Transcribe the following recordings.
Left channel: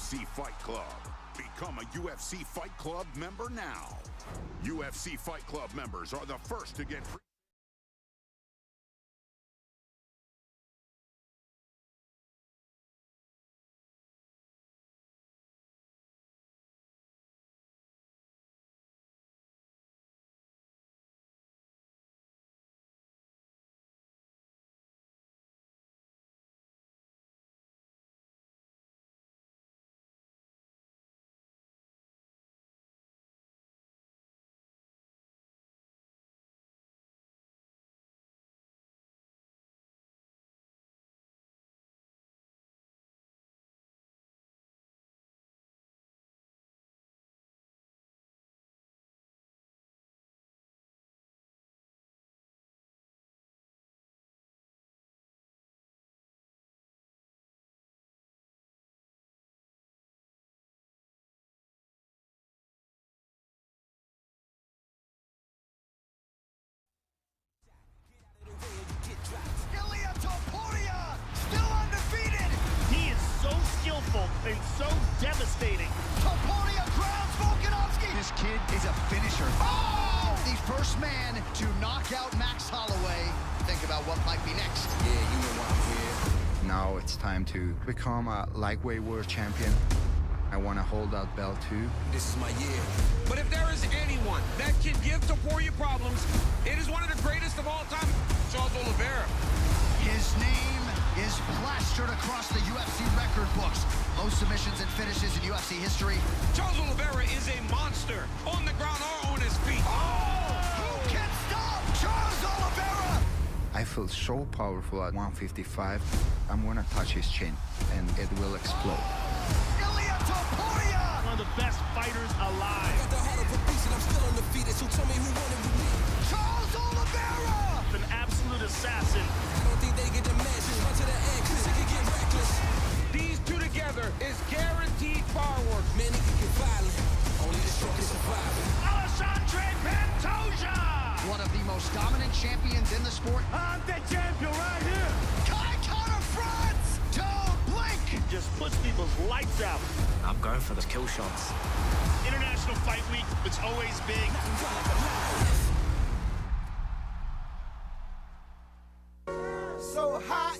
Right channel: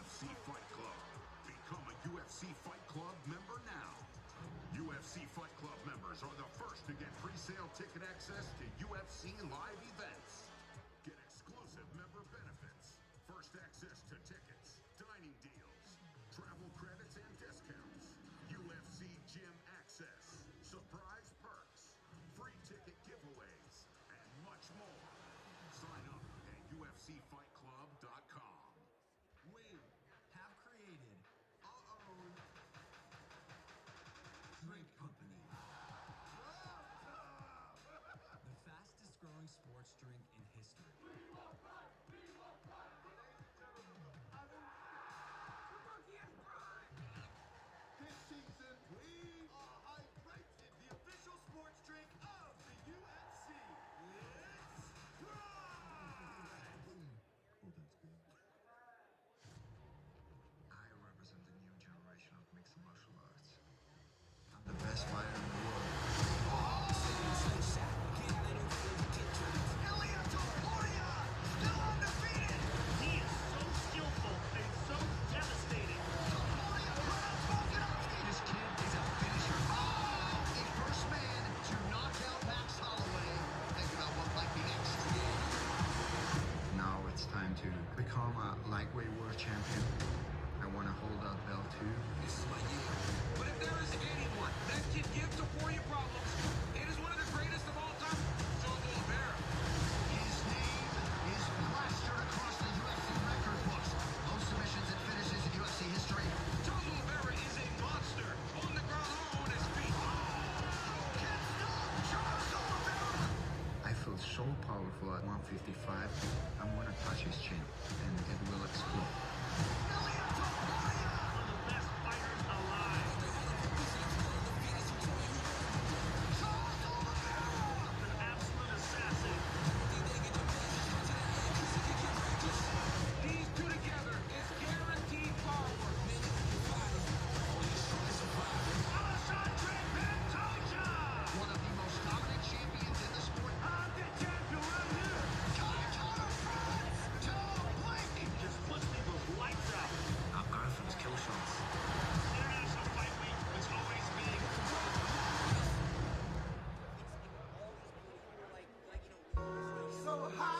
UFC Fight Club. Become a UFC Fight Club member now. UFC Fight Club members are the first to get pre-sale ticket access to UFC live events. Get exclusive member benefits, first access to tickets, dining deals, travel credits and discounts, UFC gym access, surprise perks, free ticket giveaways, and much more. Sign up at UFCFightClub.com. We have created our own drink company. The fastest growing sports drink in history. This season, we are hydrated, the official sports drink of the UFC. It's Pride! Oh, that's good. I represent the new generation of mixed martial arts. I'm the best fighter in the world. He is so skillful and so devastating. This kid is a finisher. Oh! The first man to knock out Max Holloway. Think about what might be next. Yeah, you know why I'm here. Now it's time to become a lightweight world champion. I want to hold that belt too. This is my year. But if there is anyone that can give Topuria problems, it is one of the greatest of all time, Charles Oliveira. His name is plastered across the UFC record books. Most submissions and finishes in UFC history. Charles Oliveira is a monster on the ground or on his feet. Who can stop Charles Oliveira? I feel so powerful at 155. I'm gonna touch his chin and it will explode. One of the best fighters alive. Charles Oliveira! An absolute assassin. These two together is guaranteed fireworks. Alexandre Pantoja! One of the most dominant champions in the sport. I'm the champion right here. Kai France! Don't blink! Just puts people's lights out. I'm going for the kill shots. International Fight Week, it's always big. So hot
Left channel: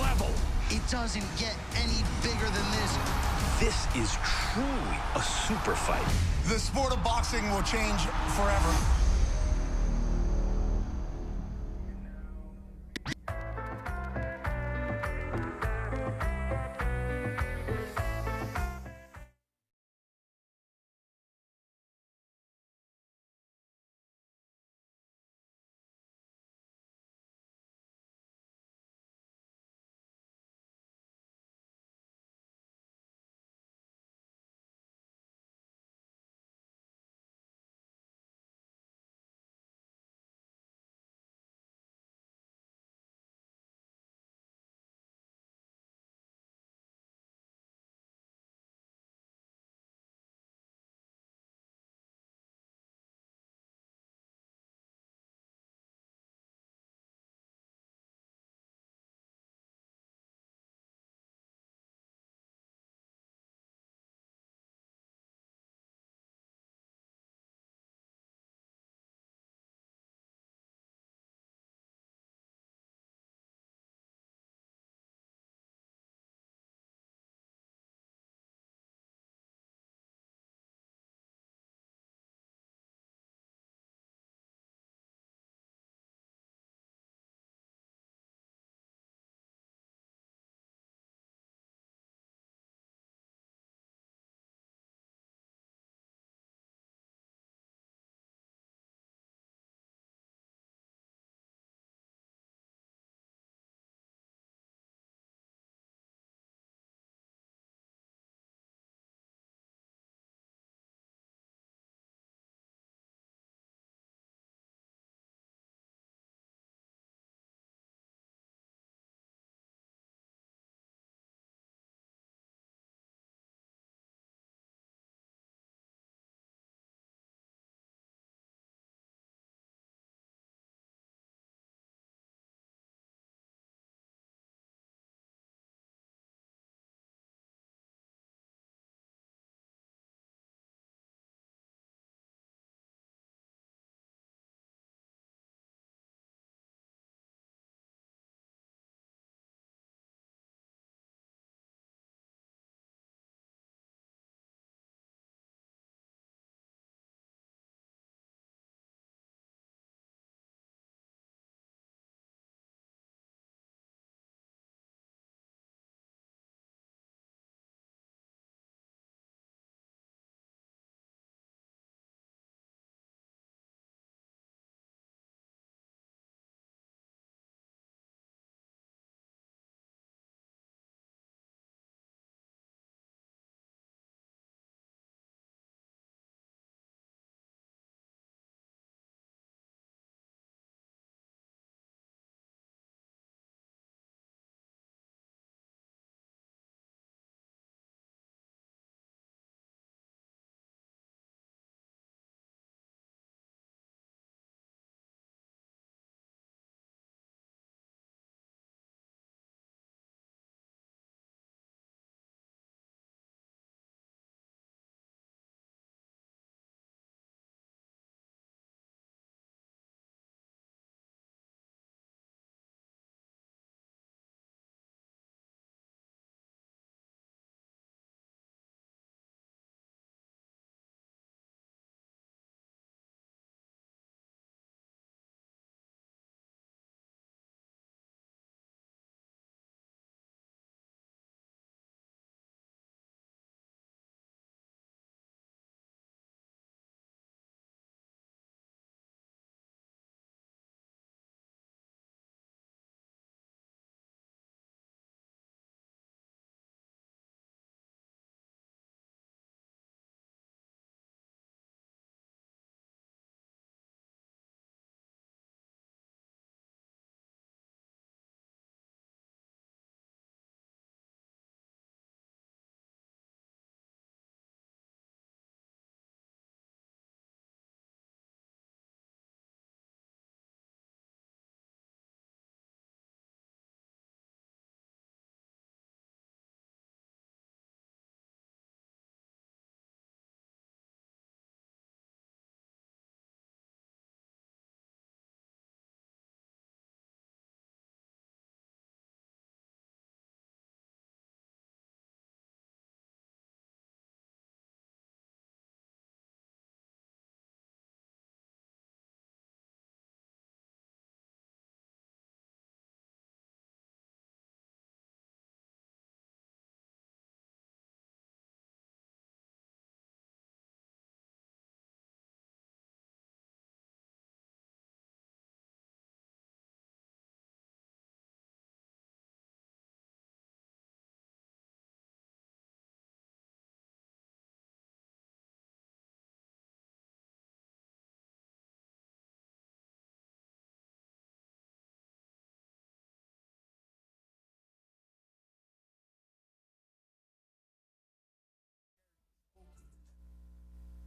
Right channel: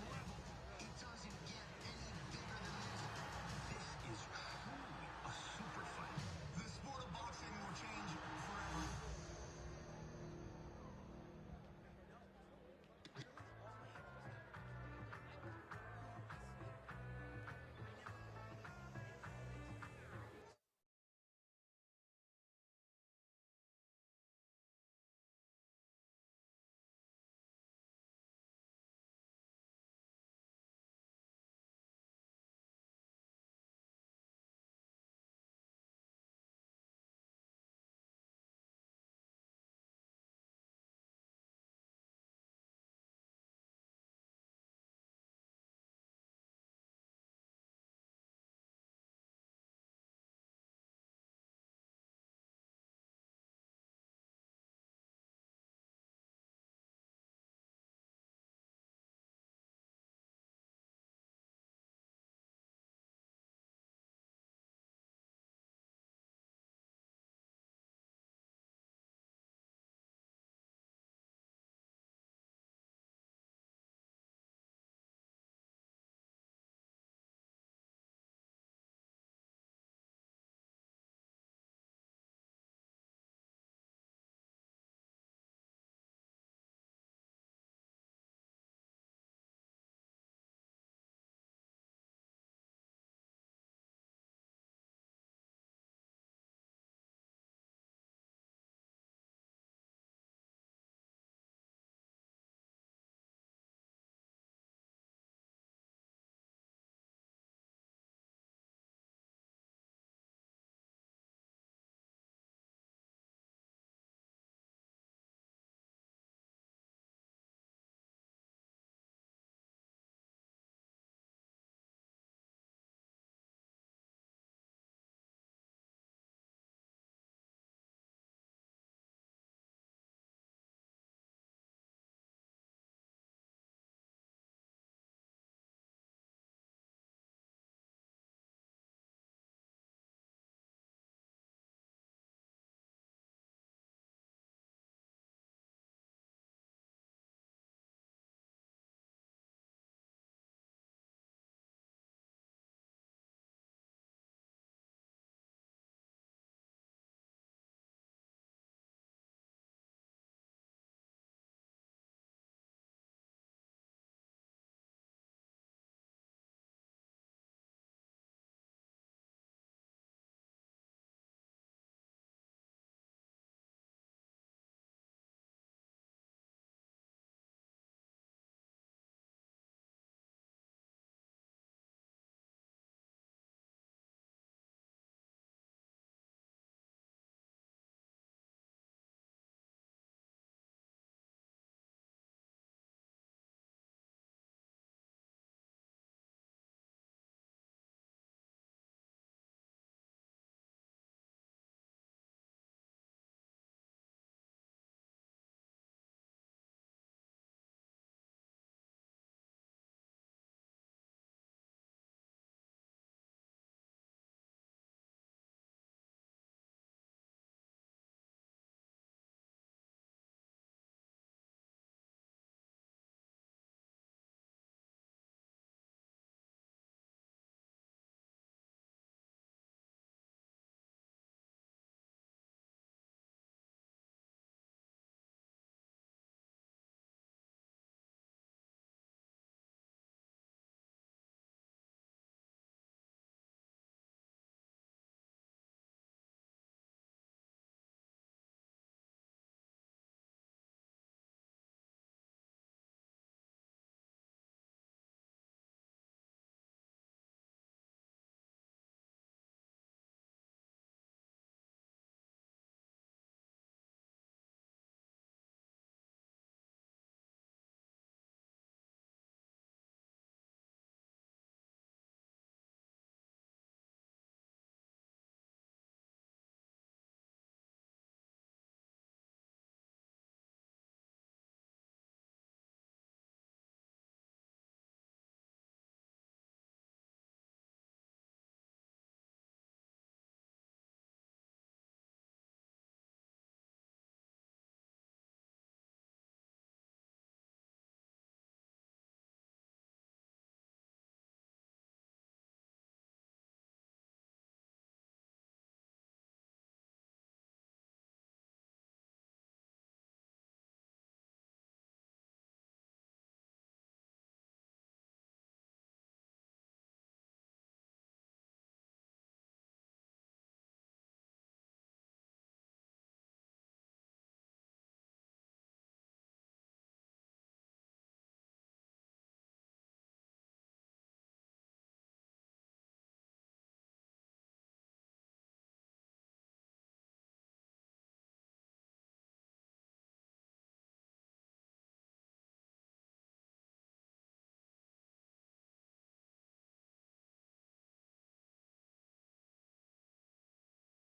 level. It doesn't get any bigger than this. This is truly a super fight. The sport of boxing will change forever.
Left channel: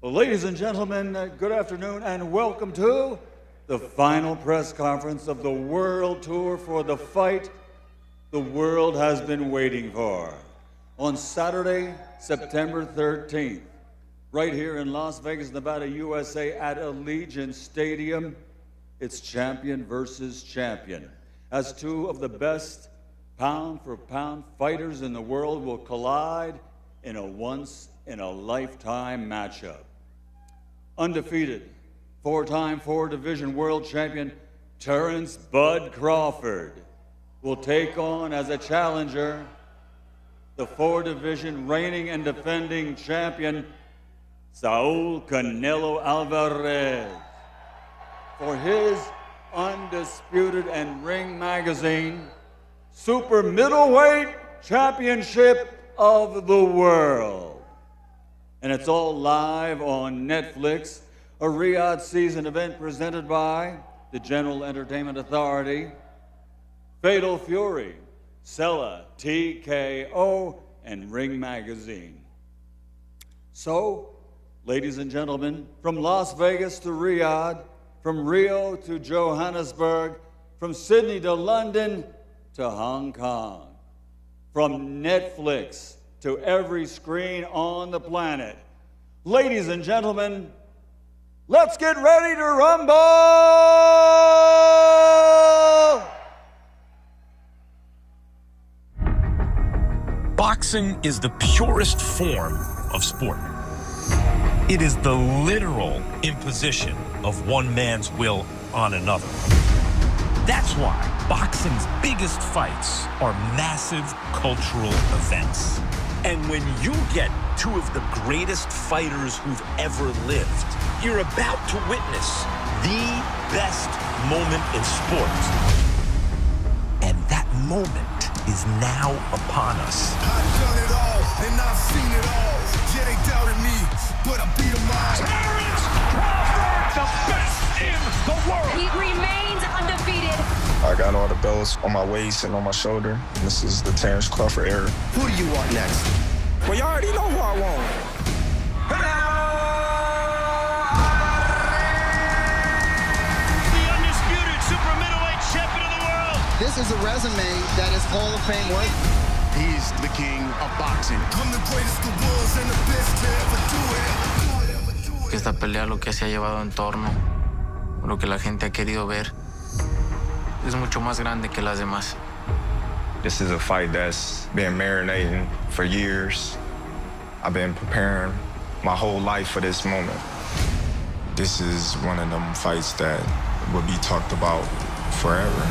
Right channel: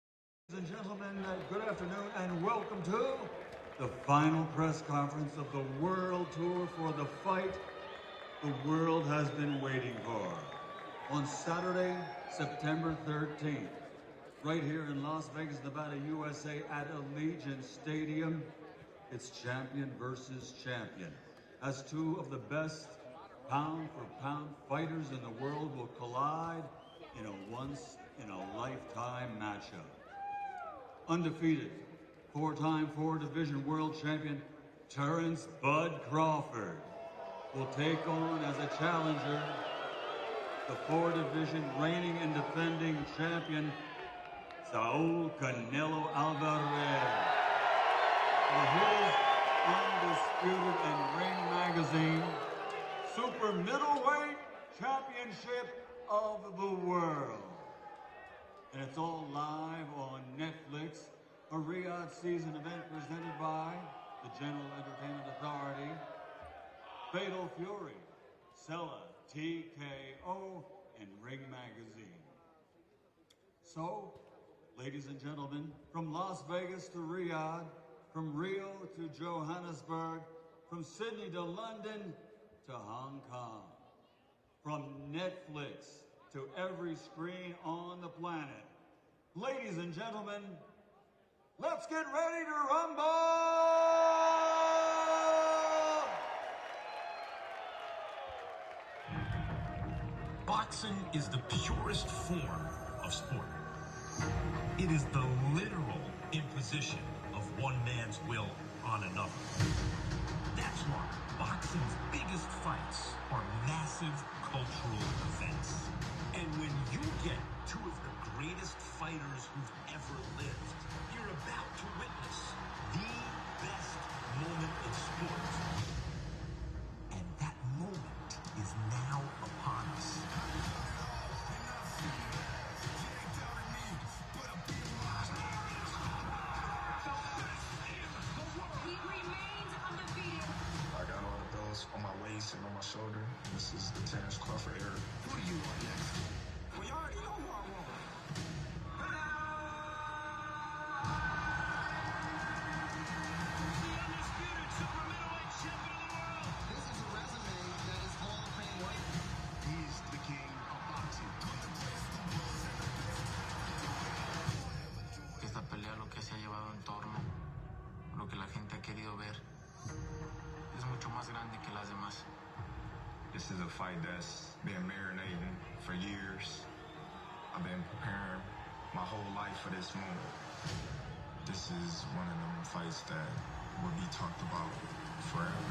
Well, ladies and gentlemen, good afternoon and welcome to the final press conference of the World Tour for the fight the world has been waiting for. On Saturday, September 13th, right here in Las Vegas, Nevada, USA at Allegiant Stadium, it's champion versus champion. As two of the best pound-for-pound fighters in the world will collide in a once-in-a-lifetime matchup. Undefeated, four-time four-division world champion Terrence "Bud" Crawford will take on as a challenger the four-division reigning and defending champion Saul Canelo Alvarez for his undisputed and Ring Magazine Super Middleweight Championship of the World. And it's all live on Netflix, a Riyadh season event presented by the General Entertainment Authority, Fatal Fury, Sella, TKO, and Ring Magazine. So, ladies and gentlemen, from Las Vegas to Riyadh, from Rio to Johannesburg, from Sydney to London to Hong Kong, from Netflix to every screen on the planet. Ladies and gentlemen, let's get ready to rumble! Boxing is the purest form of sport. It is the literal imposition of one man's will on another. That's why boxing's biggest fights are massive cultural events. And when you get two of the greatest fighters who've ever lived, you're about to witness the best moment in sport. And that moment is now upon us. I've done it all, and I've seen it all. Yeah, they doubted me, but I beat them all. Terrence Crawford, the best in the world. He remains undefeated. I got all the belts on my waist and on my shoulder. This is the Terrence Crawford era. Who do you want next? Well, you already know who I want. The undisputed super middleweight champion of the world. This is a resume that is Hall of Fame worthy. He's the king of boxing. I'm the greatest the was and the best to ever do it. Que esta pelea, lo que se ha llevado en torno, lo que la gente ha querido ver, es mucho más grande que las demás. This is a fight that's been marinating for years. I've been preparing my whole life for this moment. This is one of them fights that will be talked about forever.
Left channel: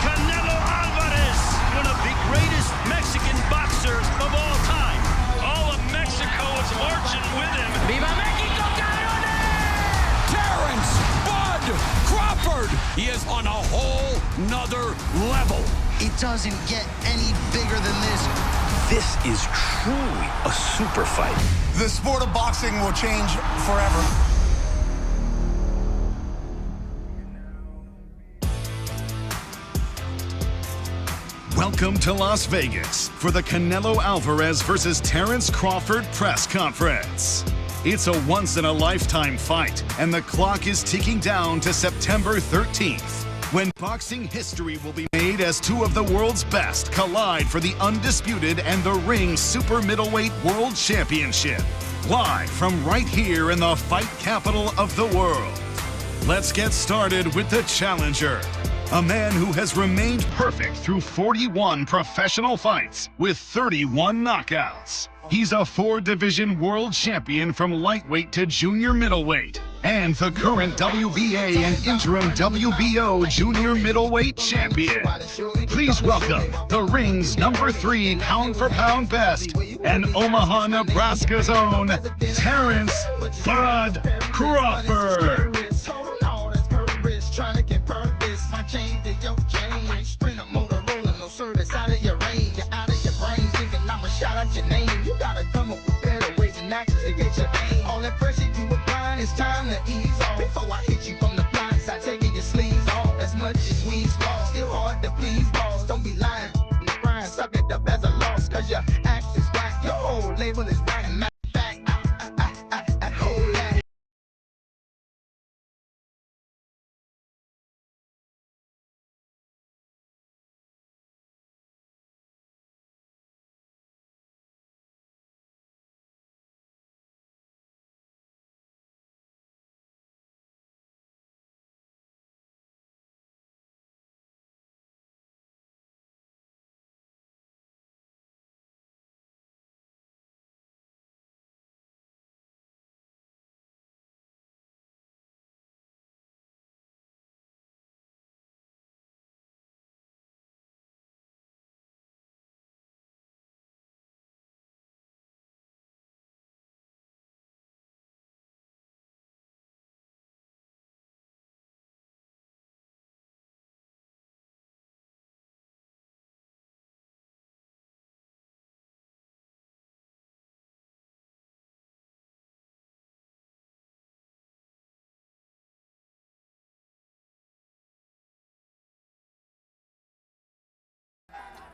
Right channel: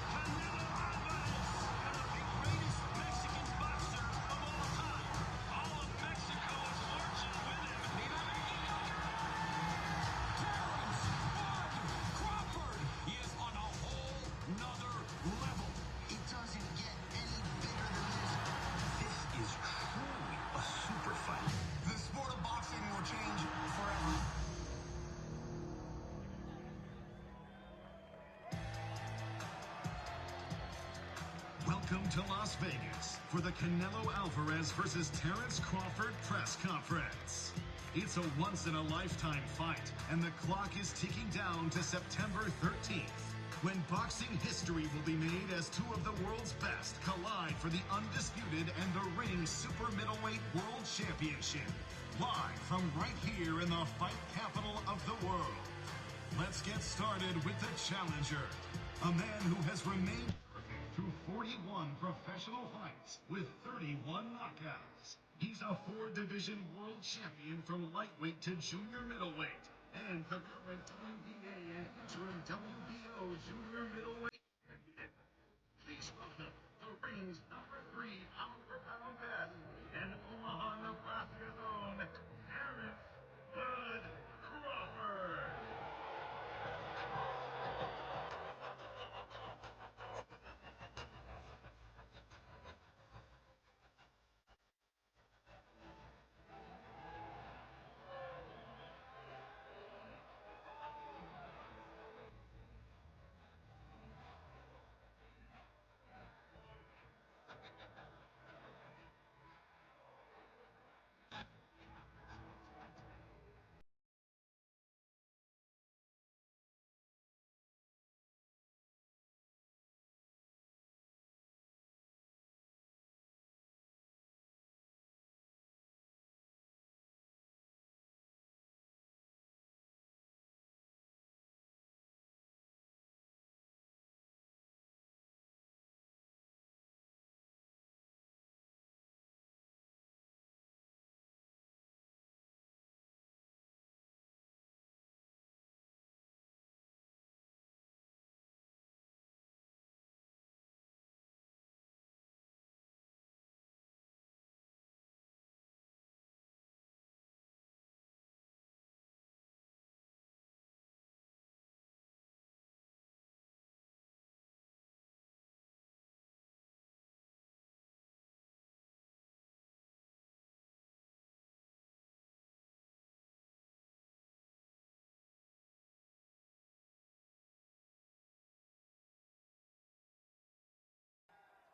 Canelo Alvarez, one of the greatest Mexican boxers of all time. All of Mexico is marching with him. Viva Mexico, cabrones! Terrence "Bud" Crawford. He is on a whole nother level. It doesn't get any bigger than this. This is truly a super fight. The sport of boxing will change forever. Welcome to Las Vegas for the Canelo Alvarez versus Terrence Crawford press conference. It's a once-in-a-lifetime fight, and the clock is ticking down to September 13th, when boxing history will be made as two of the world's best collide for the undisputed and the Ring Super Middleweight World Championship. Live from right here in the fight capital of the world. Let's get started with the challenger. A man who has remained perfect through 41 professional fights with 31 knockouts. He's a four-division world champion from lightweight to junior middleweight, and the current WBA and interim WBO junior middleweight champion. Please welcome the Ring's #3 pound-for-pound best and Omaha, Nebraska's own Terrence "Bud" Crawford. It's time to ease off. Before I hit you from the blind side, taking your sleeves off. As much as we's lost, still hard to please, boss. Don't be lying. The grind, suck it up as a loss. Cause your act is whack, your whole label is whack. Matter of fact,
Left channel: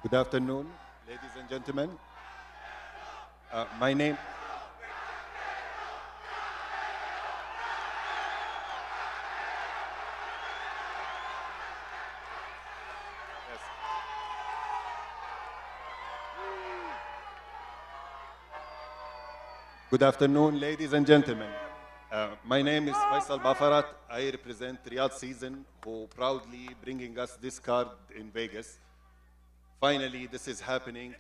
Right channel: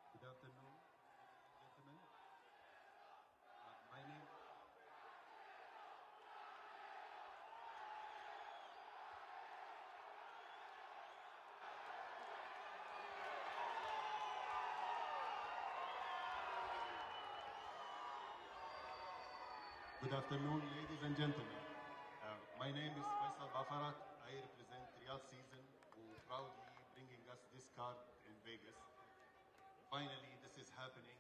Good afternoon, ladies and gentlemen. My name. Good afternoon, ladies and gentlemen. My name is Faisal Bafarat. I represent Riyadh Season, who proudly bringing us this card in Vegas. Finally, this is happening.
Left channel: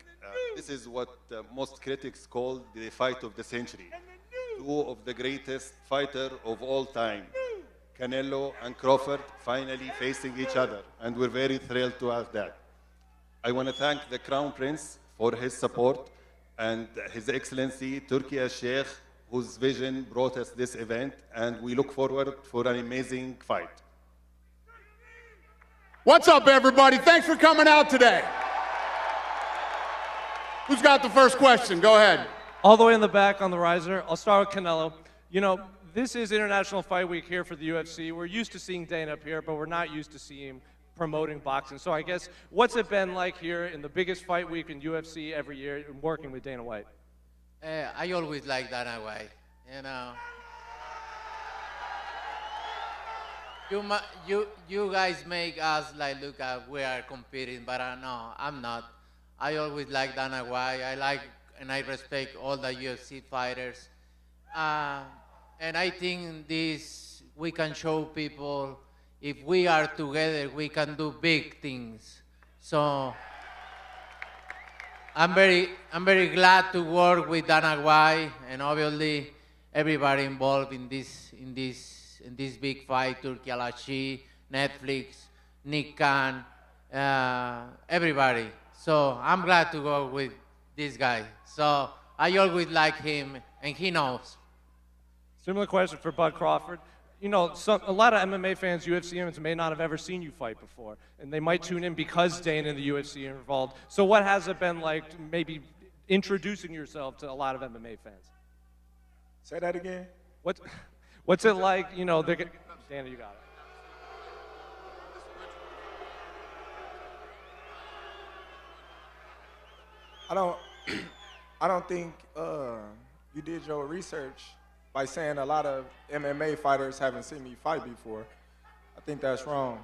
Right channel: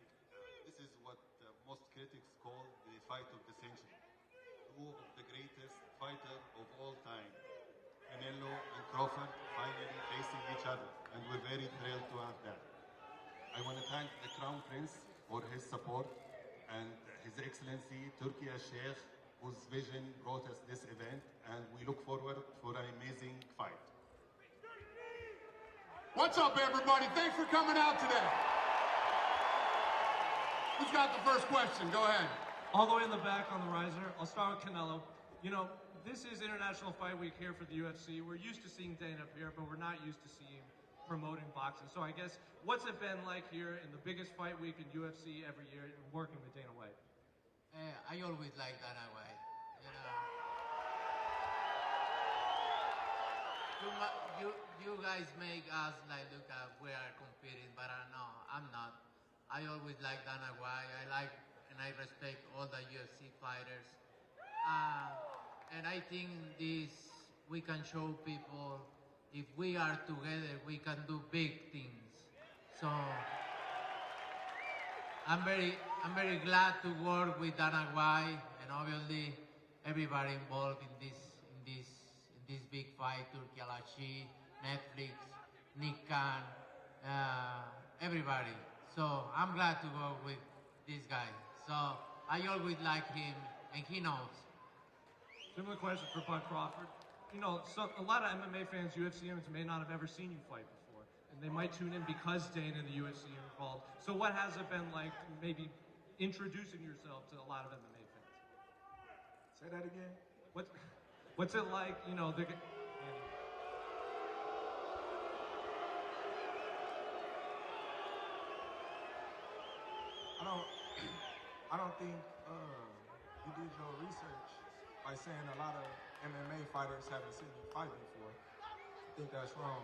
This is what most critics call the fight of the century. Two of the greatest fighters of all time, Canelo and Crawford, finally facing each other, and we're very thrilled to have that. I want to thank the Crown Prince for his support and His Excellency Turki al-Sheikh, whose vision brought us this event, and we look forward for an amazing fight. What's up, everybody? Thanks for coming out today. Who's got the first question? Go ahead. All the way in the back on the riser. I'll start with Canelo. You know, this is International Fight Week here for the UFC. We're used to seeing Dana up here, but we're not used to seeing him promoting boxing. So I guess, what's it been like here in the biggest fight week in UFC every year and working with Dana White? I always like Dana White, you know. You guys make us like look at we are competing, but no, I'm not. I always like Dana White. I like and I respect all the UFC fighters. And I think this, we can show people if we are together, we can do big things. So I'm very glad to work with Dana White and obviously everybody involved in this big fight, Turki al-Sheikh, Netflix, Nick Khan, everybody. So I'm glad to go with this guy. So I always like him, and he knows. Similar question for Bud Crawford. You know, a lot of MMA fans, UFC fans, may not have ever seen you fight before, and they might tune in because Dana and the UFC are involved. So what has it been like maybe introducing yourself to a lot of MMA fans? Say that again? What's it like, you know, Dana, you got it. I don't think you did your research by saying a lot of MMA fighters haven't seen me fight before. I think that's wrong.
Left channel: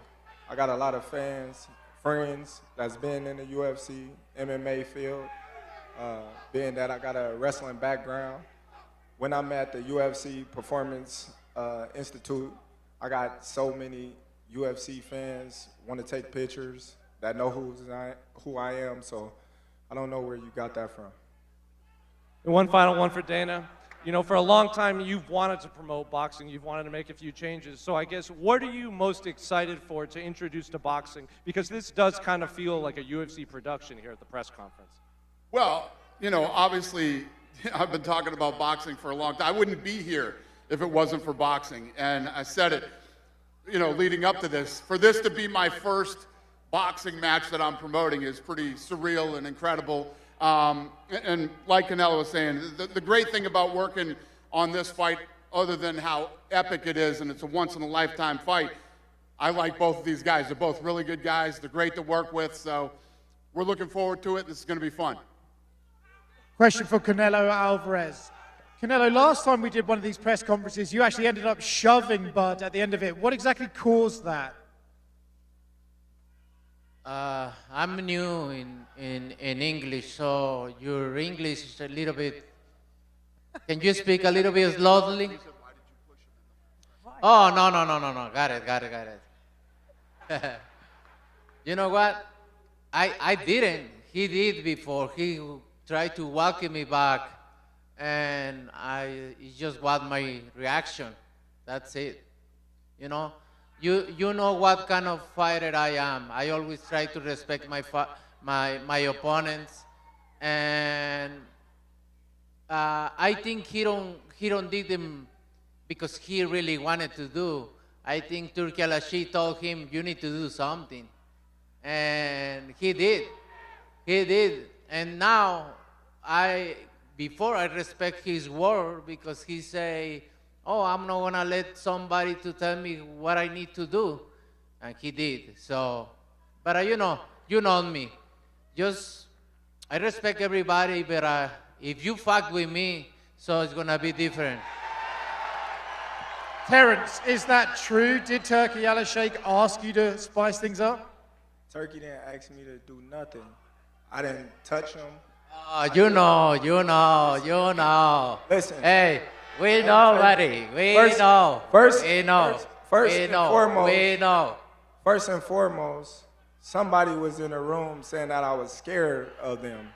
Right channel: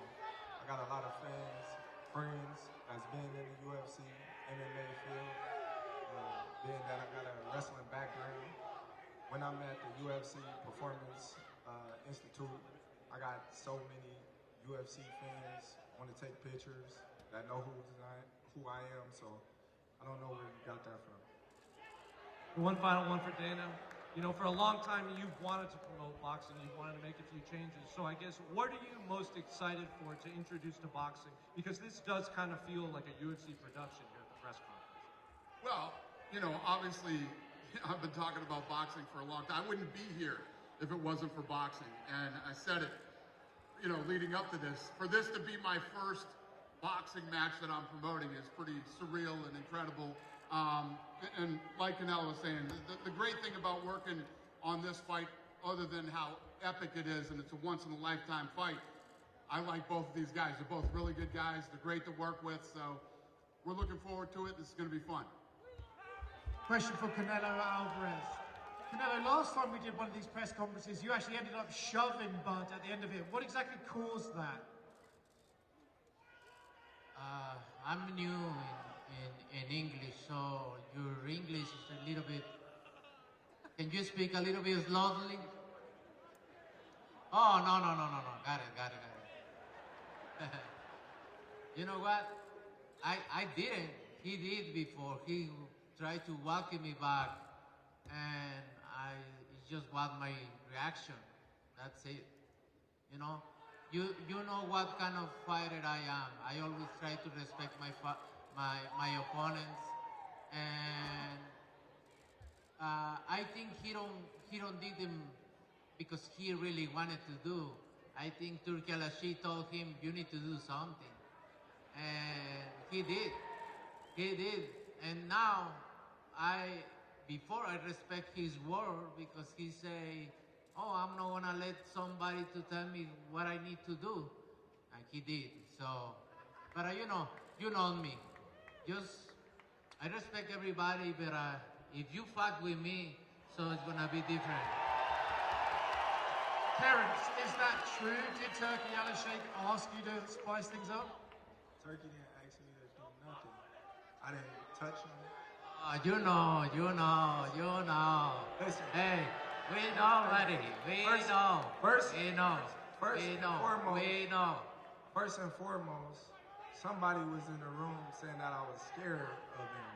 I got a lot of fans, friends that's been in the UFC, MMA field, being that I got a wrestling background. When I'm at the UFC Performance Institute, I got so many UFC fans want to take pictures that know who I am, so I don't know where you got that from. And one final one for Dana. You know, for a long time, you've wanted to promote boxing. You've wanted to make a few changes. So I guess, what are you most excited for to introduce to boxing? Because this does kind of feel like a UFC production here at the press conference. Well, you know, obviously, I've been talking about boxing for a long time. I wouldn't be here if it wasn't for boxing. And I said it, you know, leading up to this. For this to be my first boxing match that I'm promoting is pretty surreal and incredible. And like Canelo was saying, the great thing about working on this fight, other than how epic it is and it's a once-in-a-lifetime fight, I like both of these guys. They're both really good guys. They're great to work with, so we're looking forward to it. This is going to be fun. Question for Canelo Alvarez. Canelo, last time we did one of these press conferences, you actually ended up shoving Bud at the end of it. What exactly caused that? I'm new in English, so your English is a little bit... Can you speak a little bit slowly? Oh, no. Got it. You know what? I didn't. He did before. He tried to welcome me back, and it just was my reaction. That's it. You know? You know what kind of fighter I am. I always try to respect my opponents, and I think he don't did them because he really wanted to do. I think Turki al-Sheikh told him, you need to do something, and he did. And now before I respect his word because he say, oh, I'm not gonna let somebody to tell me what I need to do. And he did, so. But you know me. I respect everybody, but if you fuck with me, so it's gonna be different. Terrence, is that true? Did Turkey Alashake ask you to spice things up? Turkey didn't ask me to do nothing. I didn't touch him. You know. Listen. Hey, we know, buddy. We know. First and foremost, somebody was in the room saying that I was scared of them.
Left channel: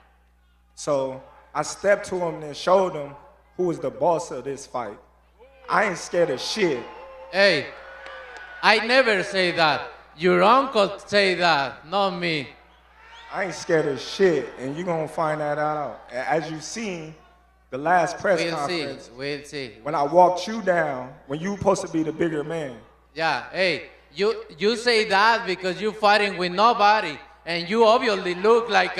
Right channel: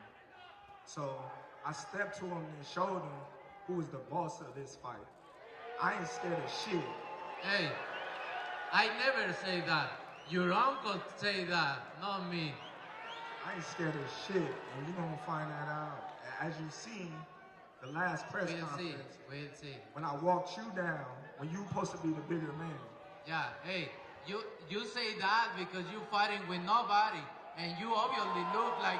So I stepped to him and showed him who was the boss of this fight. I ain't scared of shit. Hey, I never say that. Your uncle say that, not me. I ain't scared of shit, and you're gonna find that out. As you seen, the last press conference, we'll see. when I walked you down, when you supposed to be the bigger man. Yeah, hey, you say that because you're fighting with nobody, and you obviously look like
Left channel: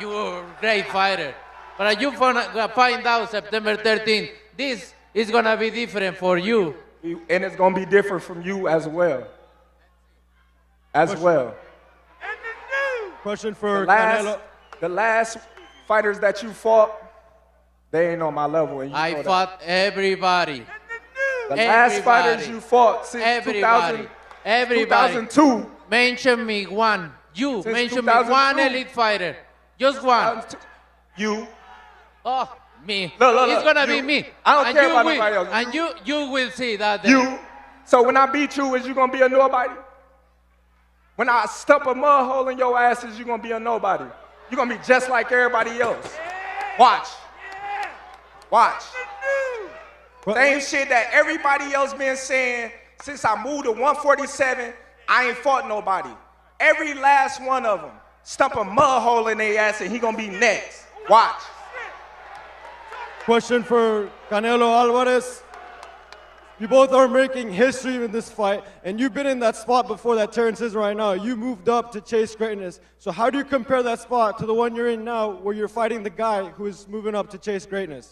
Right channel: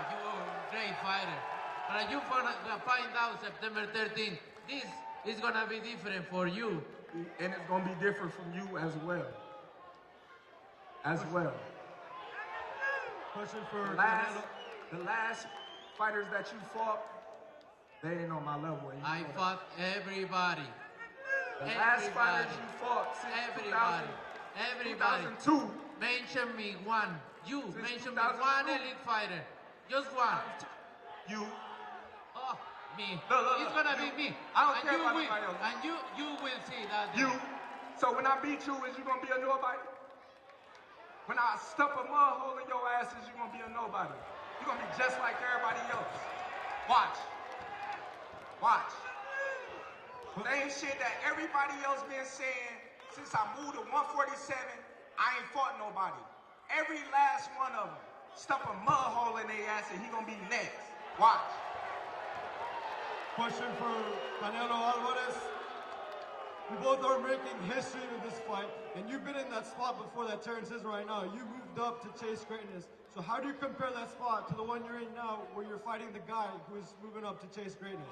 you're a great fighter. But you find out September 13th, this is gonna be different for you. And it's gonna be different from you as well. Question for Canelo. The last fighters that you fought, they ain't on my level. And I fought everybody. The last fighters you fought since 2002. Mention me one. You Since mention me 2002. one elite fighter. Just one. You. Oh, me. Look, It's gonna you. be me. I don't And care you about will- nobody else. And you will see that day. You. So when I beat you, is you gonna be a nobody? When I stump a mud hole in your ass, is you gonna be a nobody? You're gonna be just like everybody else. Watch. Same shit that everybody else been saying since I moved to 147, I ain't fought nobody. Every last one of them stump a mud hole in their ass and he gonna be next. Watch. Question for Canelo Alvarez. You both are making history with this fight, and you've been in that spot before that Terrence is right now. You moved up to chase greatness. So how do you compare that spot to the one you're in now, where you're fighting the guy who is moving up to chase greatness?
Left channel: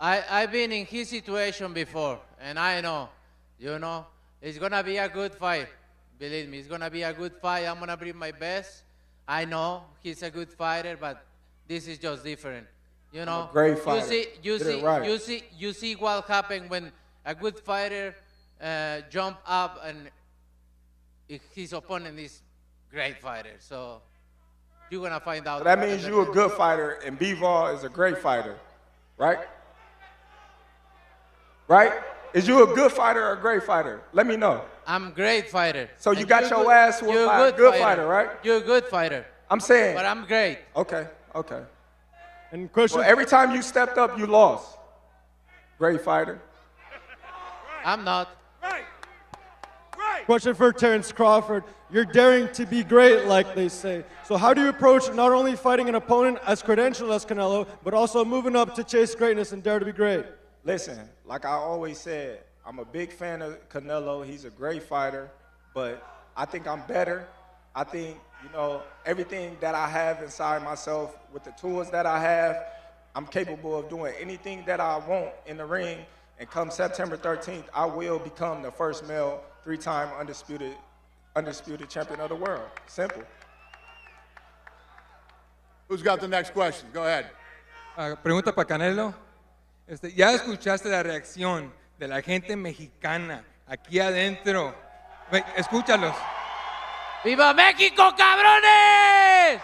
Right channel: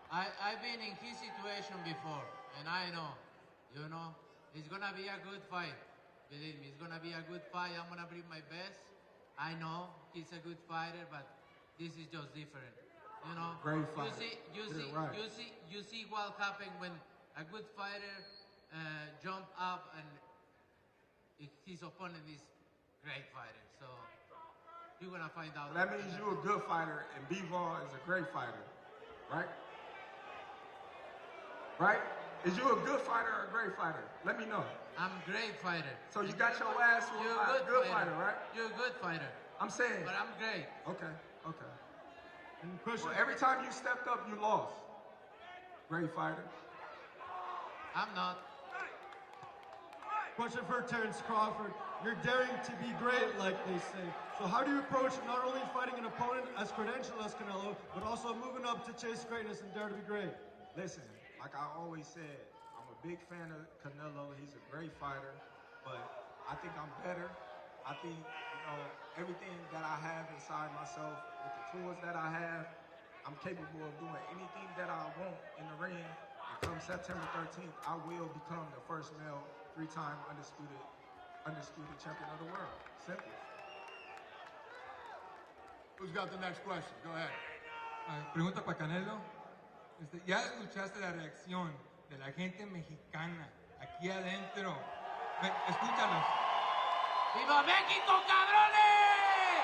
I've been in his situation before, and I know, it's gonna be a good fight. Believe me, it's gonna be a good fight. I'm gonna bring my best. I know he's a good fighter, but this is just different. Great fighter. You Did it right. see what happened when a good fighter jump up and his opponent is great fighter. So you're gonna find out. So that means you're a good fighter and Bivol is a great fighter, right? Right? Is you a good fighter or a great fighder? Let me know. I'm a great fighter. So you got your ass whooped You're by a good fighter, right? You're a good fighter. I'm saying. But I'm great. Okay. And question. Well, every time you stepped up, you lost. Great fighter. I'm not. Question for Terrence Crawford. You're daring to be great, like they say. So how do you approach not only fighting an opponent as credentialed as Canelo, but also moving up to chase greatness and dare to be great? Listen, like I always said, I'm a big fan of Canelo. He's a great fighter, but I think I'm better. I think, everything that I have inside myself with the tools that I have, I'm capable of doing anything that I want in the ring. And come September 13th, I will become the first male 3-time undisputed champion of the world. Simple. Who's got the next question? Go ahead. Pregunta para Canelo. Ya escuchaste la reacción de la gente mexicana aquí adentro. Escúchalos. ¡Viva México, cabrones!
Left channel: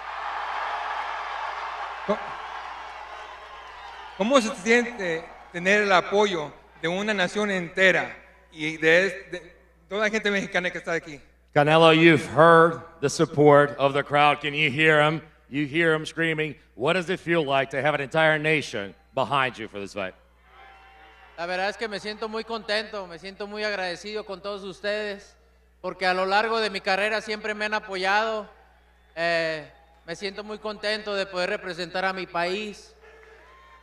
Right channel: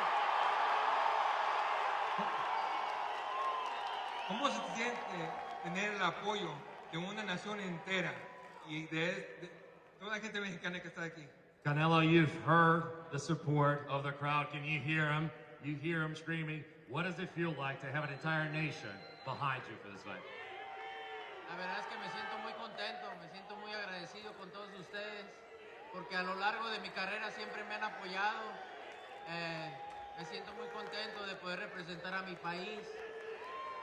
¿Cómo se siente tener el apoyo de una nación entera y de toda la gente mexicana que está aquí? Canelo, you've heard the support of the crowd. Can you hear them? You hear them screaming. What does it feel like to have an entire nation behind you for this fight? La verdad es que me siento muy contento, me siento muy agradecido con todos ustedes, porque a lo largo de mi carrera siempre me han apoyado. Me siento muy contento de poder representar a mi país.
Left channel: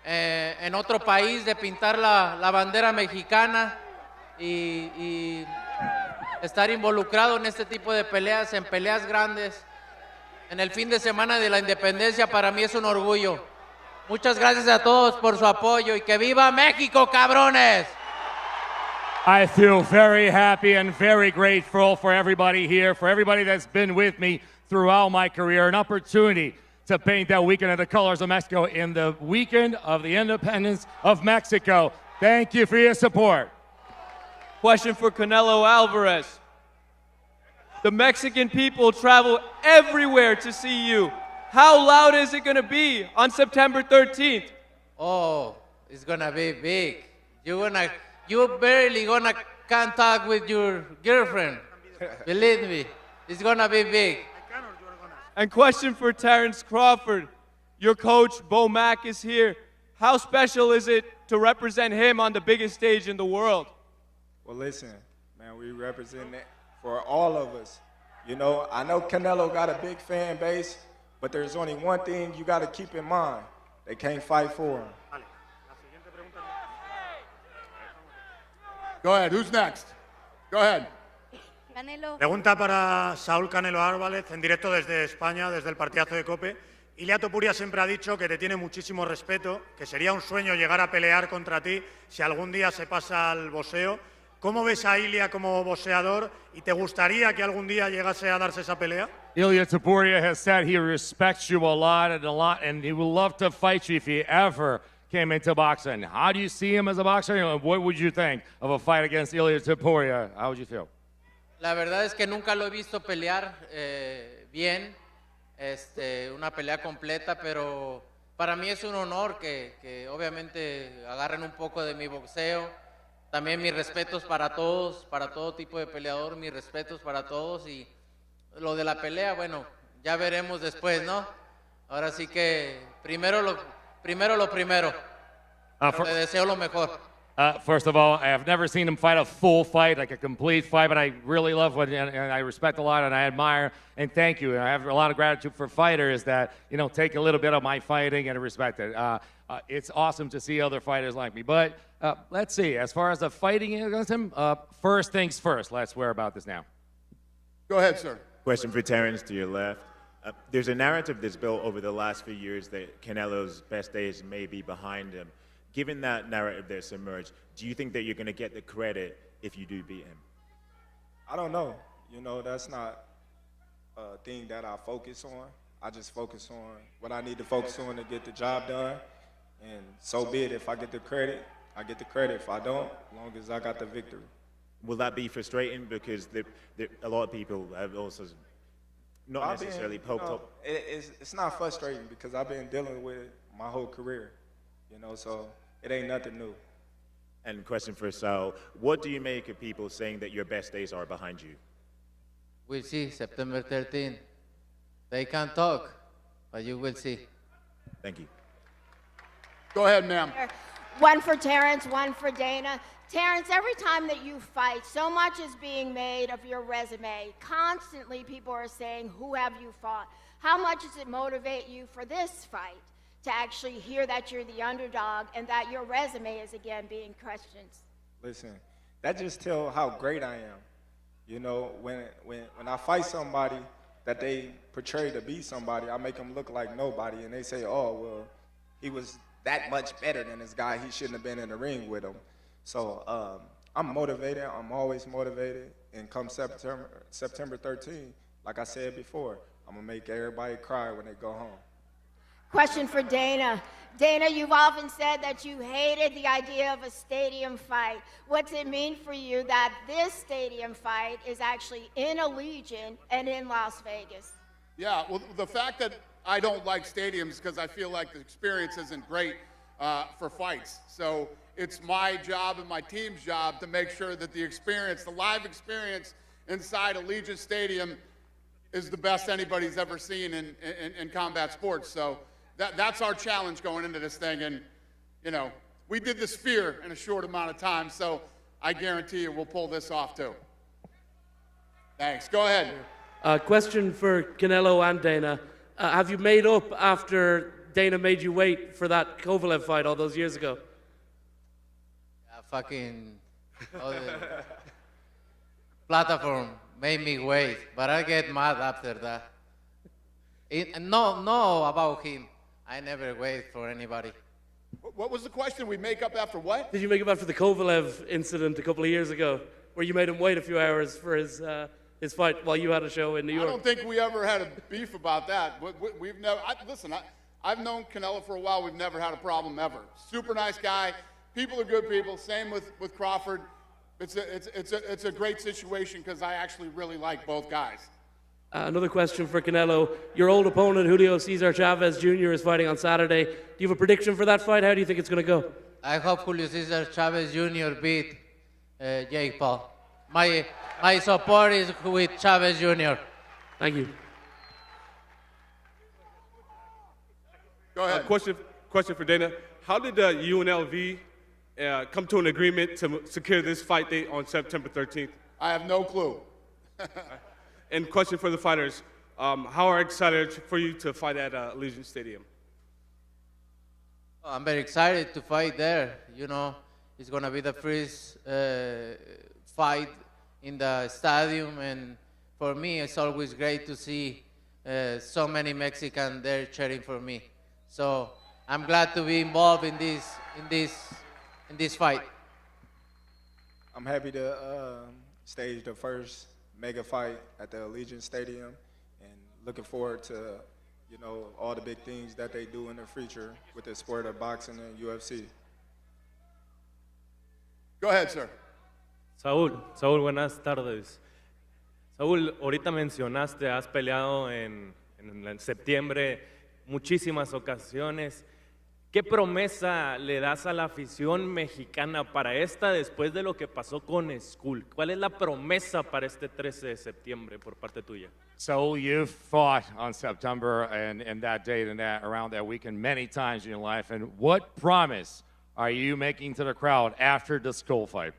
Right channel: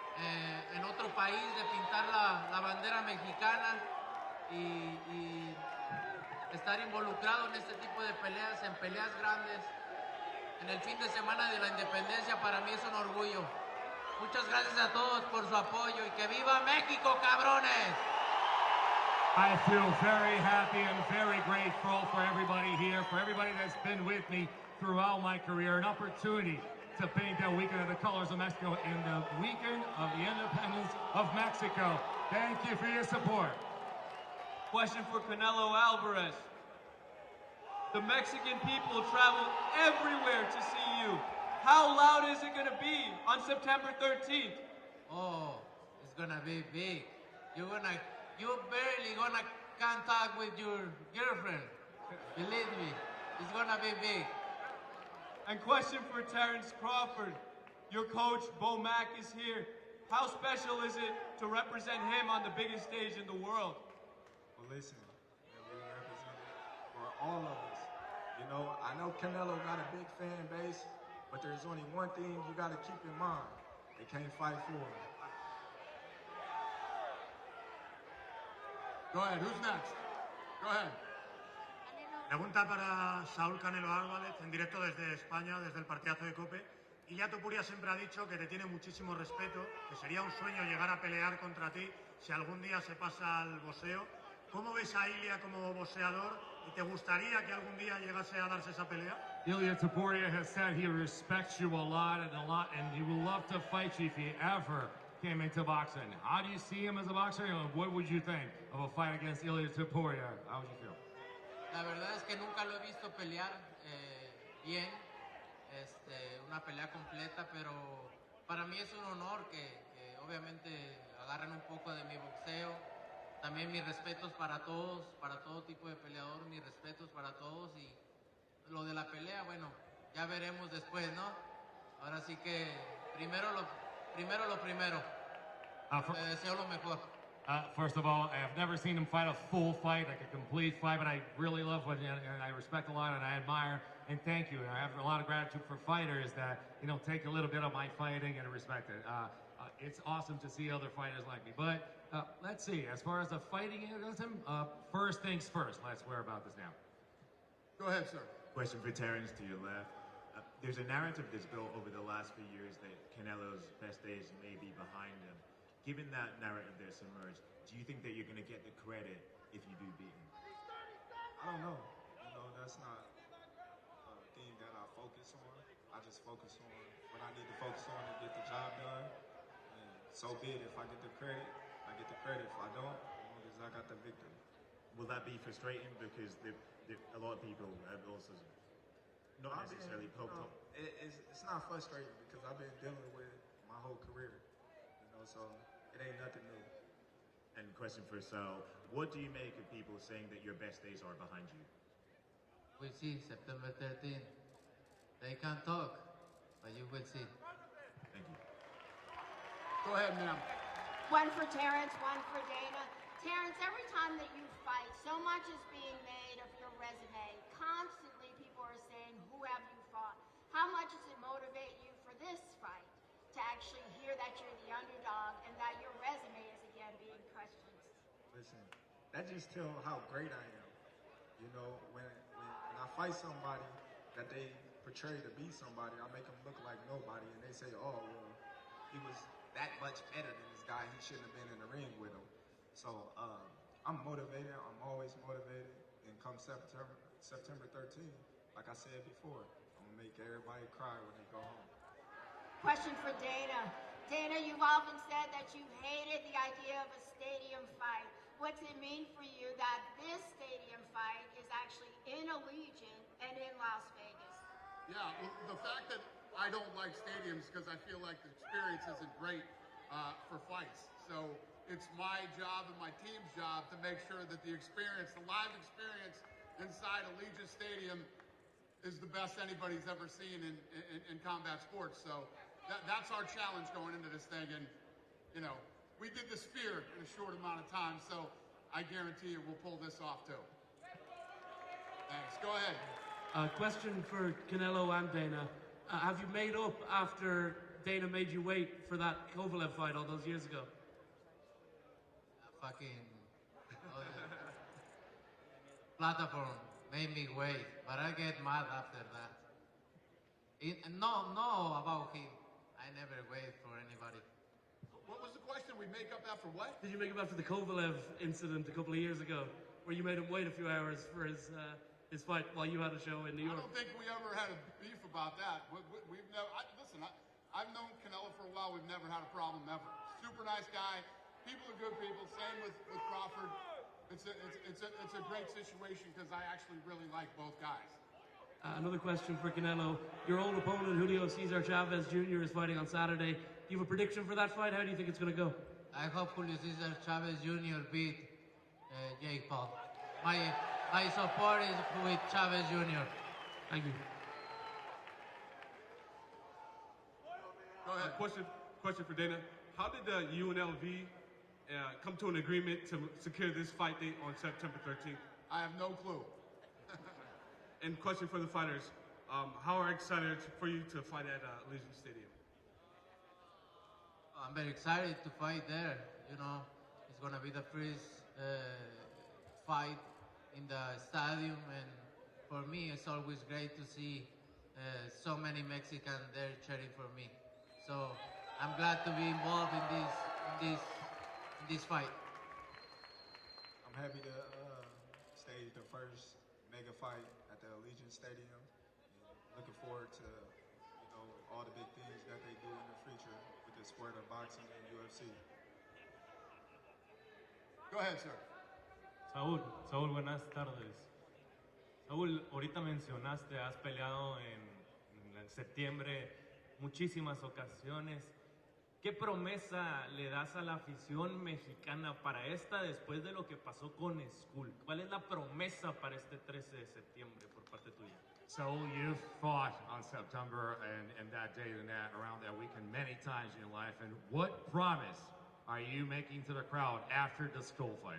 En otro país, de pintar la bandera mexicana y estar involucrado en este tipo de peleas, en peleas grandes. En el fin de semana de la independencia para mí es un orgullo. Muchas gracias a todos por su apoyo y que viva México, cabrones. I feel very happy and very grateful for everybody here, for everybody that's been with me throughout my career. An opportunity to paint that weekend of the colors of Mexico in the weekend of the independence of Mexico. Thank you for your support. Question for Canelo Alvarez. The Mexican people travel everywhere to see you. How loud is it going to be on September 13th? Oh, it's going to be big. You barely gonna can't talk with your girlfriend. Believe me, it's going to be big. And question for Terrence Crawford. Your coach, Bo Mack, is here. How special is it to represent him on the biggest stage in the world? Well, listen, man, we represent it for all of us. You know, I know Canelo got a big fan base, but there's only one thing you got to keep in mind. They can't fight for him. Go ahead, who's next? Go ahead. Pregunta para Saúl Canelo Álvarez, en directo desde España, desde el partidazo de COPE. Ilia Topuria siempre ha dicho que te tiene muchísimo respeto, que sería un sueño llegar a pelear contra ti si algún día se pasa al boxeo. ¿Cómo ves a Ilia como boxeador y te gustaría que algún día llegase a darse esa pelea? Ilia Topuria has said he respects you a lot, and he would love to fight you if he ever came into boxing. How do you see him as a boxer? What would you think of a fight against Ilia Topuria? How would you feel? La verdad es que nunca lo he visto pelear bien, una pelea completa, pero para mí es un honor que obviamente agarren un poco de mi boxeo. También mis respetos para todos, para todo tipo de peleador, mis respetos para todos, y lo de la pelea, bueno, ya veremos después, ¿no? Ahora sí que primero lo primero. Te deseo lo mejor. First of all, I have never seen him fight a full fight, like a complete fight, but I really love what, and I respect a lot, and I admire, and thank you. And I have a lot of gratitude for fighters that, take a little bit of my fighting and respect it. It's awesome to see other fighters like me. But let's see, as far as the fighting against him, first things first. Let's hear about this now. Go ahead, sir. Question for Terrence to your left. There's a narrative that's built over the last few years that Canelo's best days may be behind him. Given that narrative that's emerged, do you think that you're going to get the credit if you do beat him? I don't know. That's not a thing that I focus on. I just focus on what I need to focus on to get the job done. And so be it. If I get the credit, I get the credit. If I don't, as long as I got the victory. Will that be frustrating? Because a lot of people have also not necessarily poked up. It's not frustrating because I've been dealing with it my whole career. So it ain't nothing new. And question for Saul, what do you make of people saying that your best days are behind you? We'll see, September 13th. They can't talk, but you will see. Thank you. Go ahead, ma'am. One for Terrence, one for Dana. Terrence, every time that you fight, so much is being made of your resume. Constantly people are saying, who have you fought? How much does it motivate you for this fight? To actually hear that you're the underdog and that your resume is again being questioned. Listen, that just tells how great I am. When I fight somebody that they portray to be somebody, I make them look like nobody, and they say, oh, well, he was that much better than this guy. He shouldn't have been in the ring with him. So I'm motivated. I'm always motivated. And come September 13th, like I said before, I'm going to make everybody cry when they go home. Question for Dana. Dana, you've often said that you hated the idea of a stadium fight. What's it mean for you that this stadium fight is actually in Allegiant and in Las Vegas? Yeah, well, the fact that I don't like stadiums because I feel like the experience isn't great for fights. So it's my job and my team's job to make sure that the experience, the live experience inside Allegiant Stadium is the best anybody's ever seen in combat sports. So that's our challenge going into this thing. And, we did the Sphere in a short amount of time, so I guarantee you we'll pull this off too. Thanks. Go ahead. Question for Canelo and Dana. Have you made up after Dana made you wait for that Kovalev fight all those years ago? Platform made me wait, but I get mad after that. No, about him. I never wait for anybody. What was the question? We make up after what? Did you make up after the Kovalev incident a couple of years ago, where you made him wait a few hours for his his fight while you had a show in New York? I don't think we ever had a beef about that. We've never. Listen, I've known Canelo for a while. We've never had a problem ever. Super nice guy. People are good people. Same with Crawford. It's a great situation because I actually really like both guys. Another question for Canelo. Your old opponent, Julio Cesar Chavez Jr., is fighting on Saturday. Do you have a prediction for that fight? How do you think it's going to go? I hope Julio Cesar Chavez Jr. beat Jake Paul. My support is with Chavez Jr. Thank you. Go ahead. Question for Dana. How did UNLV come to an agreement to secure this fight date on September 13th? I have no clue. And question for the fighters. How are excited for you to fight at Allegiant Stadium? I'm very excited to fight there. You know, it's going to be the first fight in the stadium, and for me, it's always great to see so many Mexicans there cheering for me. So I'm glad to be involved in this fight. I'm happy to stage the first mega fight at the Allegiant Stadium, and looking forward to, you know, all the big things that they do in the future with the sport of boxing and UFC. Go ahead, sir. Saúl, buenas tardes. Saúl, ahorita mencionaste, has peleado en septiembre muchísimas ocasiones. ¿Qué promesa le das a la afición mexicana para esta después de lo que pasó con Skull? ¿Cuál es la promesa para este 13 de septiembre por parte tuya? So you've fought on September and that date and that around that weekend many times in your life. And what promise are you making to the crowd after the Skull fight?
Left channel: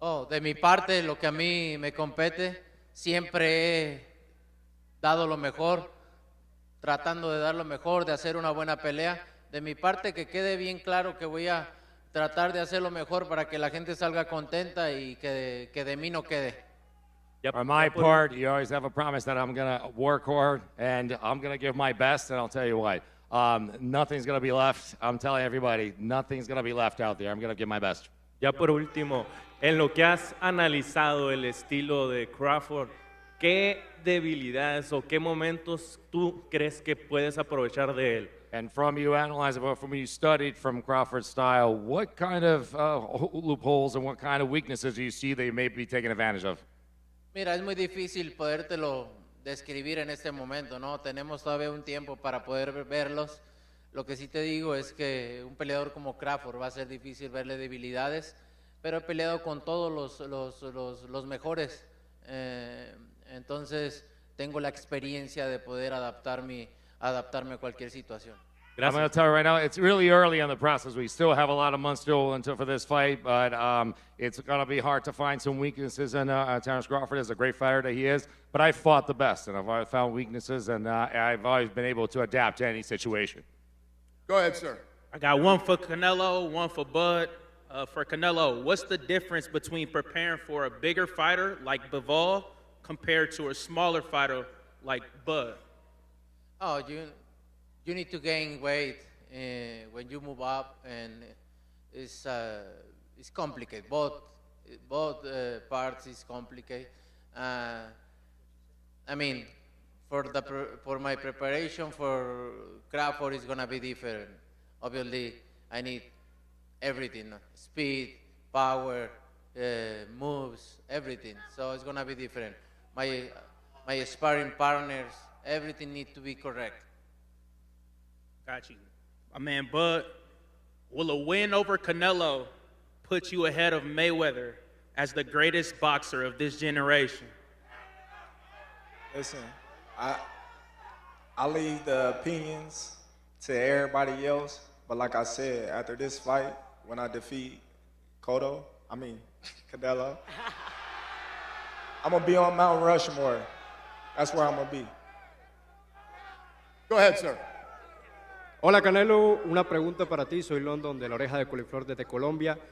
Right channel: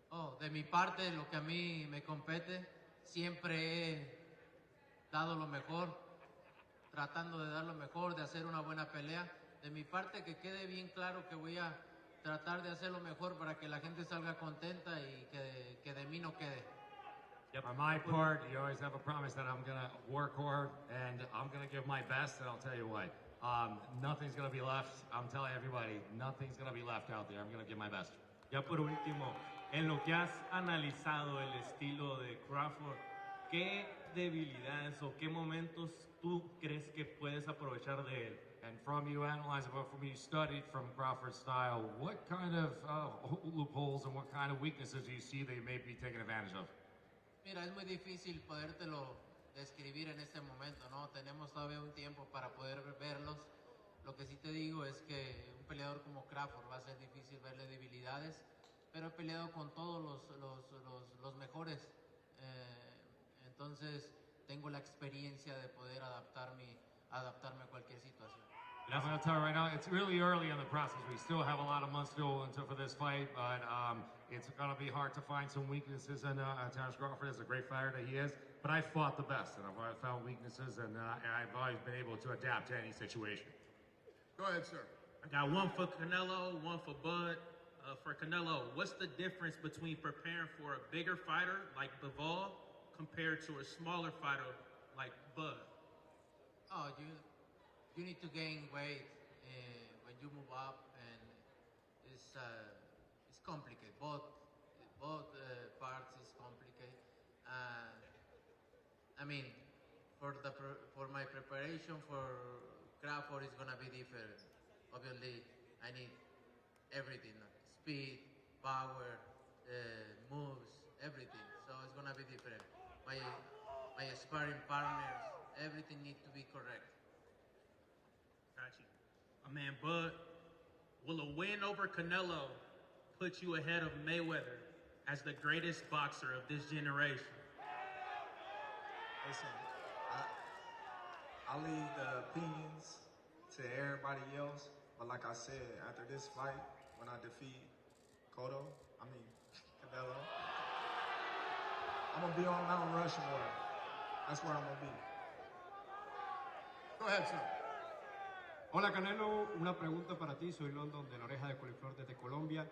Oh, de mi parte, lo que a mí me compete, siempre he dado lo mejor, tratando de dar lo mejor, de hacer una buena pelea. De mi parte, que quede bien claro que voy a tratar de hacer lo mejor para que la gente salga contenta y que de mí no quede. On my part, you always have a promise that I'm going to work hard and I'm going to give my best, and I'll tell you what, nothing's going to be left. I'm telling everybody, nothing's going to be left out there. I'm going to give my best. Ya por último, en lo que has analizado el estilo de Crawford, ¿qué debilidades o qué momentos tú crees que puedes aprovechar de él? And from you analyzing, from you studied from Crawford's style, what kind of loopholes and what kind of weaknesses do you see that you may be taking advantage of? Mira, es muy difícil podértelo describir en este momento, ¿no? Tenemos todavía un tiempo para poder verlos. Lo que sí te digo es que un peleador como Crawford va a ser difícil verle debilidades, pero he peleado con todos los mejores. Entonces, tengo la experiencia de poder adaptarme a cualquier situación. I'm going to tell you right now, it's really early in the process. We still have a lot of months still until for this fight, but it's going to be hard to find some weaknesses in Terence Crawford is a great fighter that he is, but I fought the best, and I've always found weaknesses, and I've always been able to adapt to any situation. Go ahead, sir. I got one for Canelo, one for Bud. For Canelo, what's the difference between preparing for a bigger fighter like Bivol compared to a smaller fighter like Bud? Oh, you need to gain weight when you move up, and it's complicated. Both parts is complicated. I mean, for my preparation for Crawford is gonna be different. Obviously, I need everything: speed, power, moves, everything. So it's gonna be different. My sparring partners, everything needs to be correct. Got you. My man Bud, will a win over Canelo put you ahead of Mayweather as the greatest boxer of this generation? Listen, I leave the opinions to everybody else, but like I said, after this fight, when I defeat Canelo, I'm gonna be on Mount Rushmore. That's where I'm gonna be. Go ahead, sir. Hola Canelo, una pregunta para ti, soy London de la Oreja de Coliflor desde Colombia.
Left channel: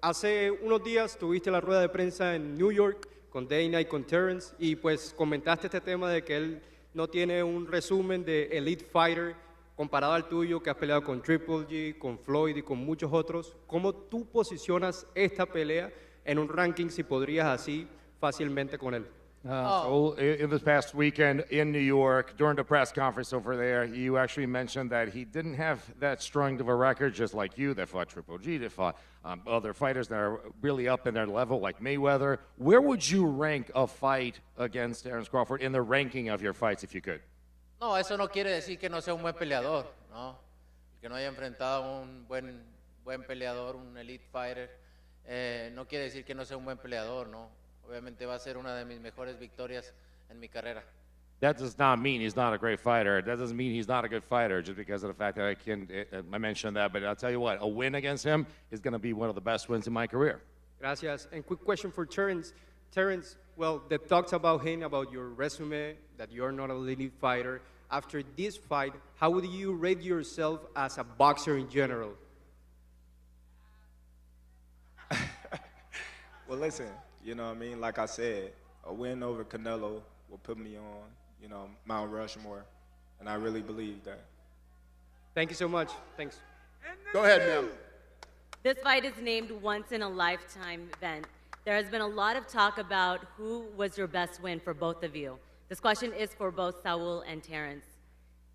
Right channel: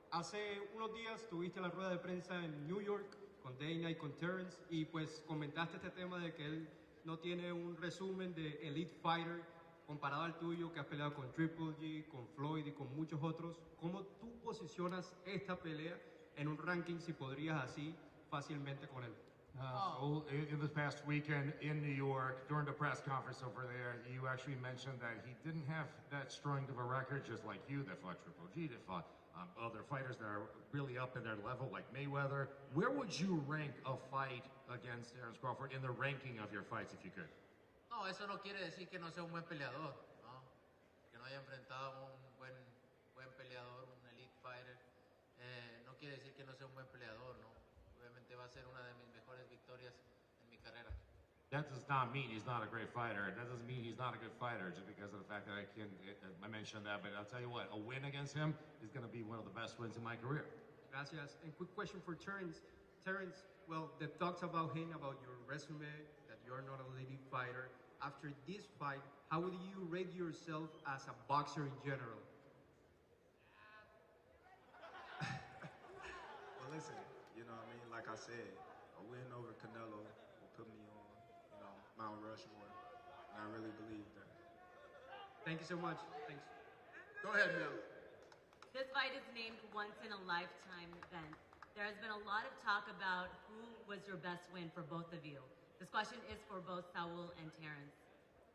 Hace unos días tuviste la rueda de prensa en New York con Dana y con Terence y pues comentaste este tema de que él no tiene un resumen de Elite Fighter comparado al tuyo, que has peleado con Triple G, con Floyd y con muchos otros. ¿Cómo tú posicionas esta pelea en un ranking si podrías así fácilmente con él? So in this past weekend in New York, during the press conference over there, you actually mentioned that he didn't have that strong of a record, just like you, that fought Triple G, that fought other fighters that are really up in their level, like Mayweather. Where would you rank a fight against Terence Crawford in the ranking of your fights, if you could? No, eso no quiere decir que no sea un buen peleador, ¿no? Que no haya enfrentado a un buen peleador, un elite fighter, no quiere decir que no sea un buen peleador, ¿no? Obviamente va a ser una de mis mejores victorias en mi carrera. That does not mean he's not a great fighter. That doesn't mean he's not a good fighter just because of the fact that I mentioned that. But I'll tell you what, a win against him is going to be one of the best wins in my career. Gracias. And quick question for Terence. Terence, well, the talks about him, about your resume, that you're not a elite fighter. After this fight, how would you rate yourself as a boxer in general? Well, listen, you know what I mean? Like I said, a win over Canelo will put me on, you know, Mount Rushmore, and I really believe that. Thank you so much. Thanks. Go ahead, ma'am. This fight is named once in a lifetime event. There has been a lot of talk about who was your best win for both of you. This question is for both Saul and Terence.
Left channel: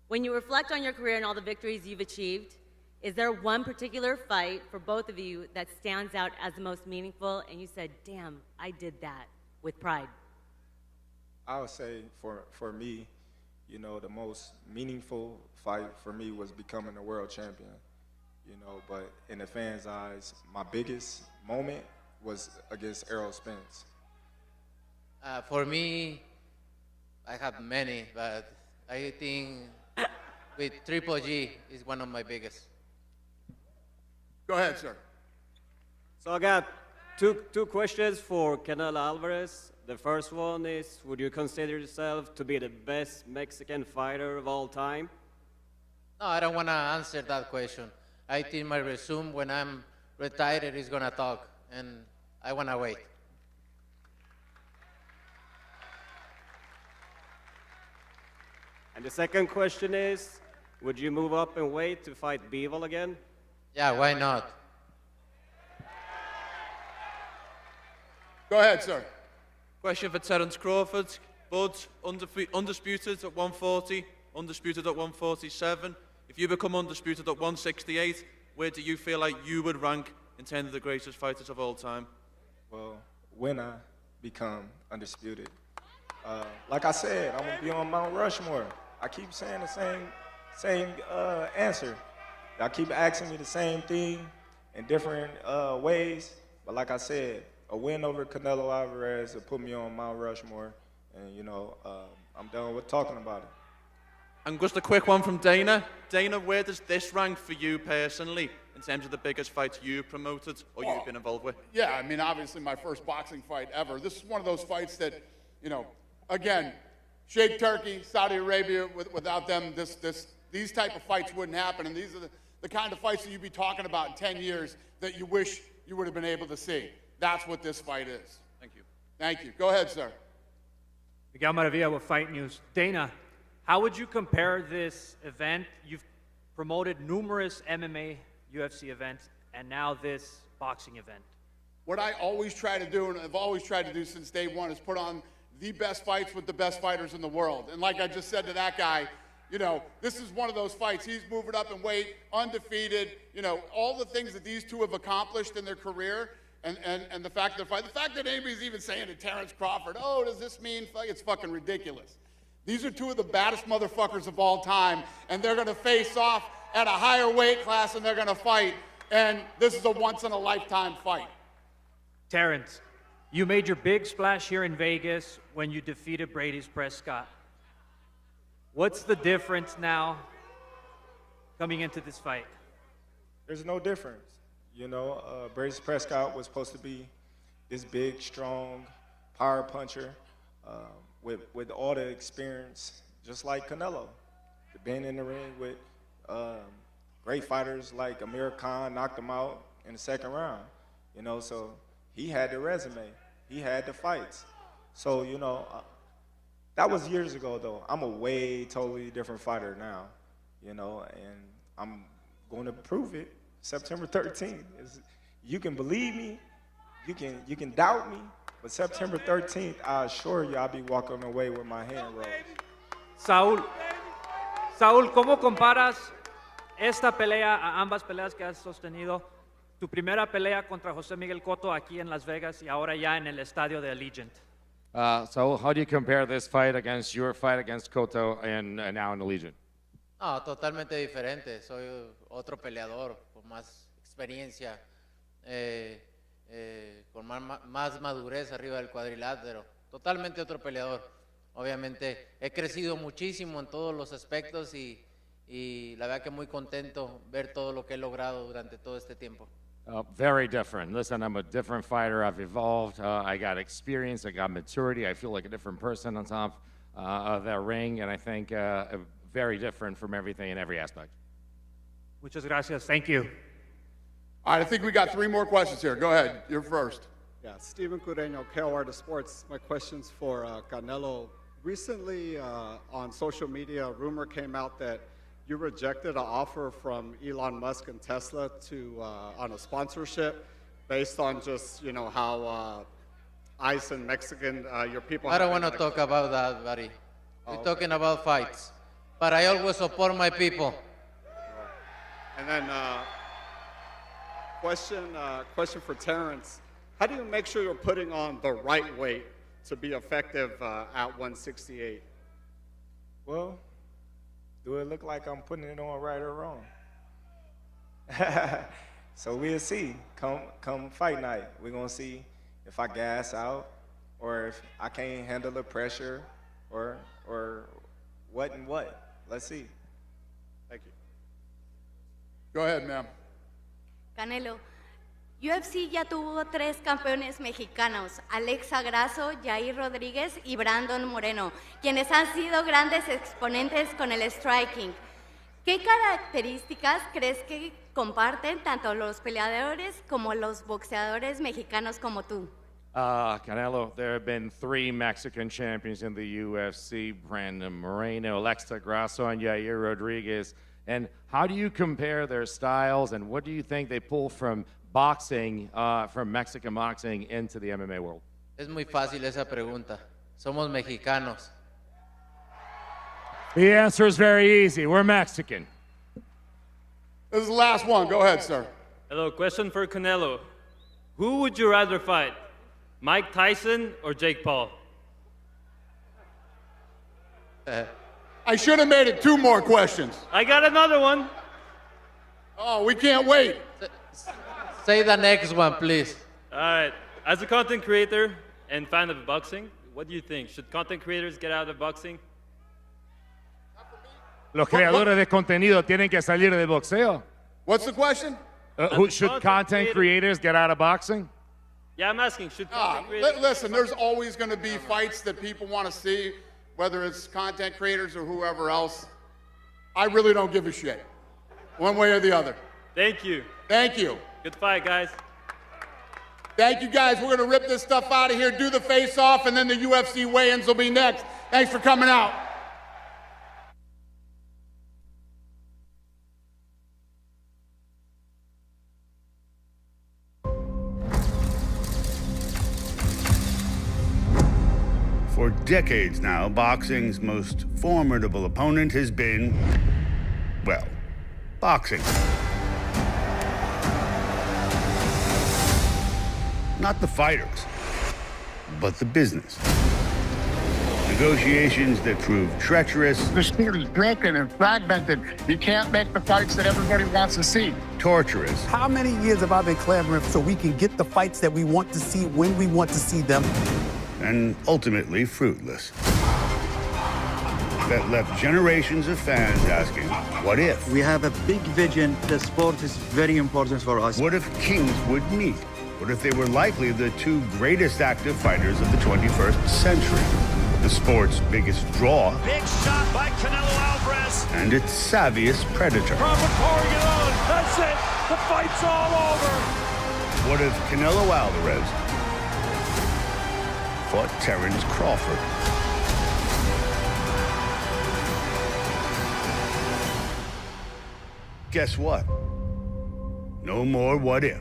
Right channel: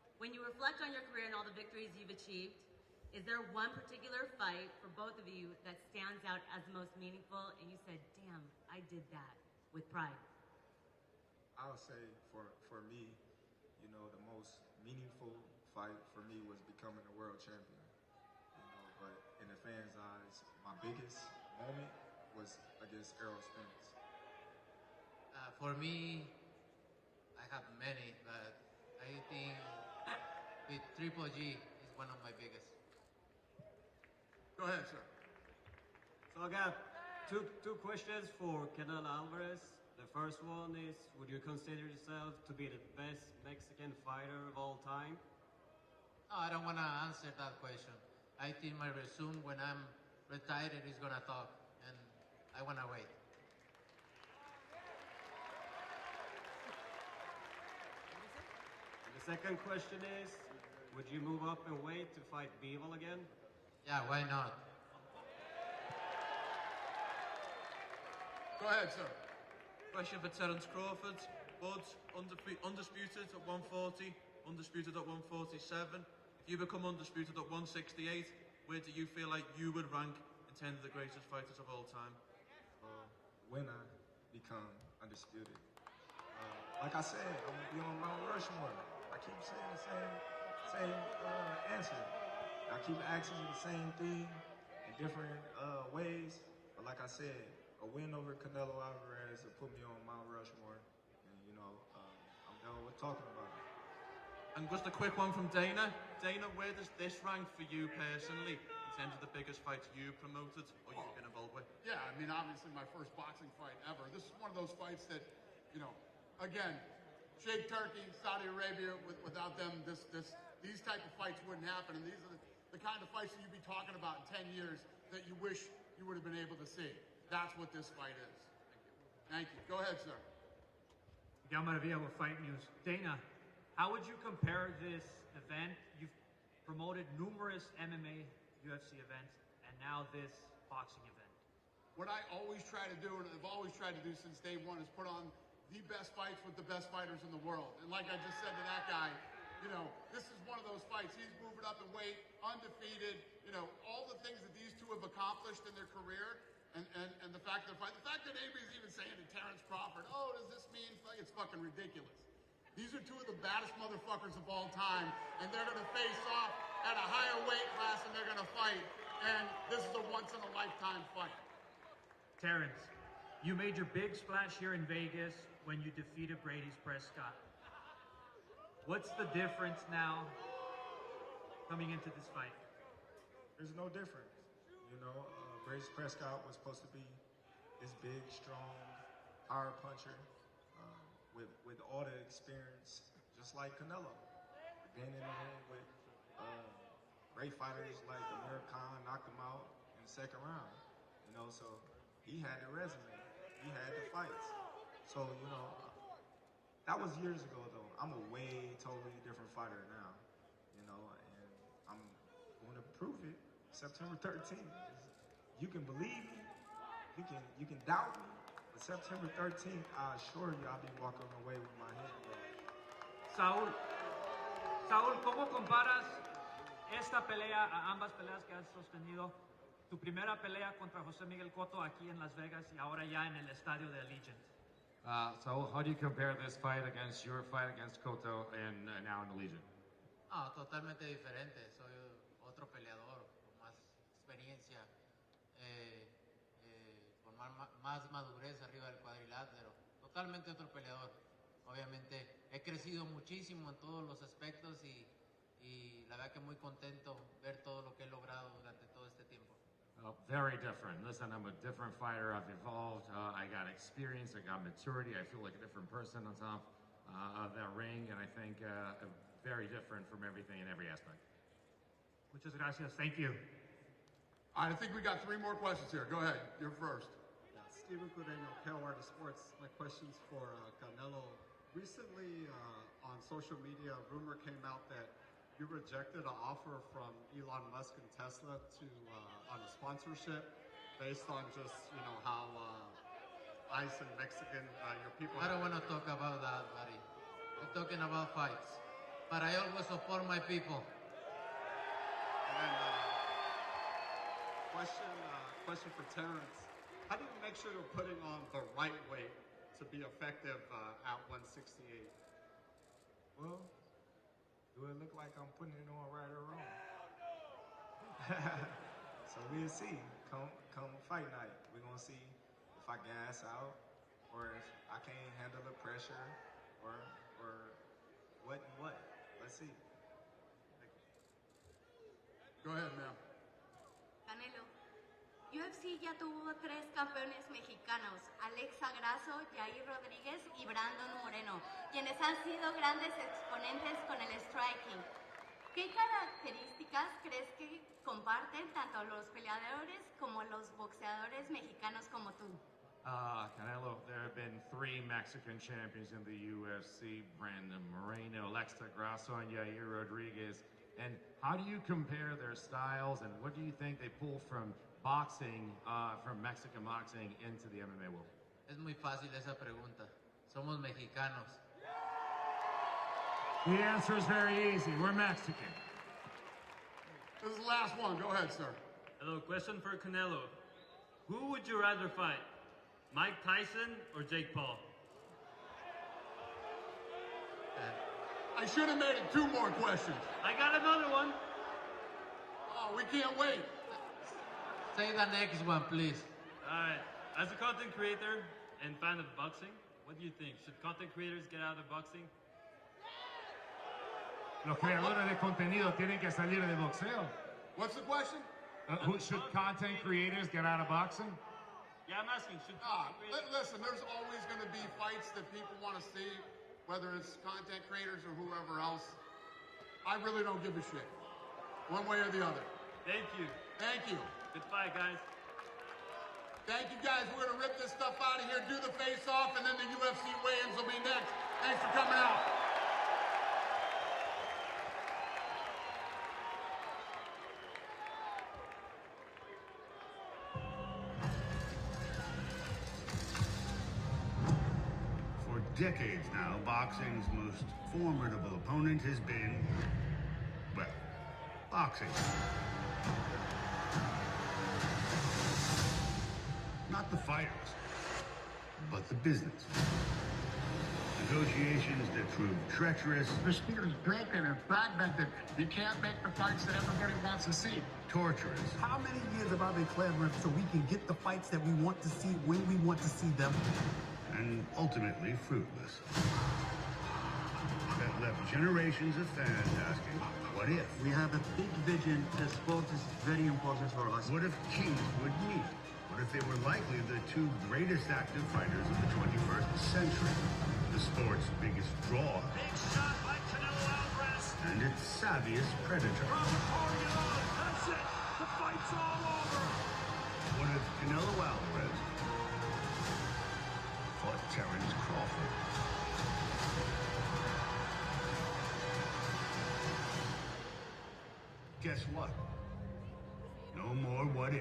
When you reflect on your career and all the victories you've achieved, is there one particular fight for both of you that stands out as the most meaningful and you said, damn, I did that with pride? I would say for me, you know, the most meaningful fight for me was becoming a world champion. You know, but in the fans' eyes, my biggest moment was against Errol Spence. For me, I have many, but I think with Triple G is one of my biggest. Go ahead, sir. So I got two questions for Canelo Alvarez. The first one is, would you consider yourself to be the best Mexican fighter of all time? No, I don't want to answer that question. I think my resume when I'm retired is going to talk, and I want to wait. And the second question is, would you move up in weight to fight Bivol again? Yeah, why not? Go ahead, sir. Question for Terence Crawford. Bud, undisputed at 140, undisputed at 147. If you become undisputed at 168, where do you feel like you would rank in terms of the greatest fighters of all time? Well, when I become undisputed, like I said, I'm gonna be on Mount Rushmore. I keep saying the same answer. Y'all keep asking me the same thing in different ways, but like I said, a win over Canelo Alvarez will put me on Mount Rushmore, and you know, I'm done with talking about it. And just a quick one from Dana. Dana, where does this rank for you personally in terms of the biggest fights you promoted or you've been involved with? Yeah, I mean, obviously my first boxing fight ever. This is one of those fights that, you know, again, Sheikh Turkey, Saudi Arabia, without them, these type of fights wouldn't happen. And these are the kind of fights that you'd be talking about in 10 years that you wish you would have been able to see. That's what this fight is. Thank you. Thank you. Go ahead, sir. Miguel Maravilla with Fight News. Dana, how would you compare this event? You've promoted numerous MMA, UFC events, and now this boxing event. What I always try to do, and I've always tried to do since day one, is put on the best fights with the best fighters in the world. And like I just said to that guy, you know, this is one of those fights. He's moving up in weight, undefeated, you know, all the things that these two have accomplished in their career, and the fact that anybody's even saying to Terence Crawford, oh, does this mean, it's fucking ridiculous. These are two of the baddest motherfuckers of all time, and they're gonna face off at a higher weight class, and they're gonna fight, and this is a once-in-a-lifetime fight. Terence, you made your big splash here in Vegas when you defeated Brady's Prescott. What's the difference now coming into this fight? There's no difference. You know, Brady's Prescott was supposed to be this big, strong, power puncher with all the experience, just like Canelo. Been in the ring with great fighters like Amir Khan, knocked him out in the second round. You know, so he had the resume. He had the fights. So, you know, that was years ago, though. I'm a way totally different fighter now, you know, and I'm going to prove it September 13th. You can believe me, you can doubt me, But September 13th, I assure you I'll be walking away with my hand raised. Saúl, ¿cómo comparas esta pelea a ambas peleas que has sostenido? Tu primera pelea contra José Miguel Cotto aquí en Las Vegas y ahora ya en el estadio de Allegiant. So how do you compare this fight against your fight against Cotto and now in Allegiant? No, totalmente diferente. Soy otro peleador con más experiencia, con más madurez arriba del cuadrilátero. Totalmente otro peleador. Obviamente he crecido muchísimo en todos los aspectos y la verdad que muy contento ver todo lo que he logrado durante todo este tiempo. Very different. Listen, I'm a different fighter. I've evolved. I got experience. I got maturity. I feel like a different person on top of that ring, and I think very different from everything in every aspect. Muchas gracias. Thank you. All right, I think we got 3 more questions here. Go ahead. You're first. Yeah, Steven Cureño, KO Artist Sports. My question's for Canelo. Recently, on social media, a rumor came out that you rejected an offer from Elon Musk and Tesla on a sponsorship based on just, how ICE and Mexican, your people... I don't want to talk about that, buddy. We're talking about fights. But I always support my people. And then, question for Terrence. How do you make sure you're putting on the right weight to be effective at 168? Well, do it look like I'm putting it on right or wrong? So we'll see. Come fight night, we're gonna see if I gas out or if I can't handle the pressure or what and what. Let's see. Thank you. Go ahead, ma'am. Canelo, UFC ya tuvo 3 campeones mexicanos, Alexa Grasso, Jair Rodríguez y Brandon Moreno, quienes han sido grandes exponentes con el striking. ¿Qué características crees que comparten tanto los peleadores como los boxeadores mexicanos como tú? Canelo, there have been 3 Mexican champions in the UFC, Brandon Moreno, Alexa Grasso, and Yair Rodriguez. And how do you compare their styles, and what do you think they pull from boxing, from Mexican boxing into the MMA world? Es muy fácil esa pregunta. Somos mexicanos. The answer is very easy. We're Mexican. This is the last one. Go ahead, sir. Hello, question for Canelo. Who would you rather fight, Mike Tyson or Jake Paul? I should have made it 2 more questions. I got another one. Oh, we can't wait. Say the next one, please. All right. As a content creator and fan of boxing, what do you think? Should content creators get out of boxing? Los creadores de contenido tienen que salir del boxeo. What's the question? Should content creators get out of boxing? Yeah, I'm asking, should content creators... Listen, there's always going to be fights that people want to see, whether it's content creators or whoever else. I really don't give a shit, one way or the other. Thank you. Thank you. Good fight, guys. Thank you, guys. We're going to rip this stuff out of here, do the face-off, and then the UFC weigh-ins will be next. Thanks for coming out. For decades now, boxing's most formidable opponent has been, well, boxing. Not the fighters, but the business. Negotiations that prove treacherous. The sport is broken and fragmented. You can't make the fights that everybody wants to see. Torturous. How many years have I been clamoring so we can get the fights that we want to see when we want to see them? And ultimately fruitless. That left generations of fans asking, what if? We have a big vision. The sport is very important for us. What if kings would meet? What if they were likely the 2 greatest active fighters of the 21st century? The sport's biggest draw. Big shot by Canelo Alvarez. And its savviest predator. Crawford pouring it on. That's it. The fight's all over. What if Canelo Alvarez fought Terence Crawford? Guess what? No more what if.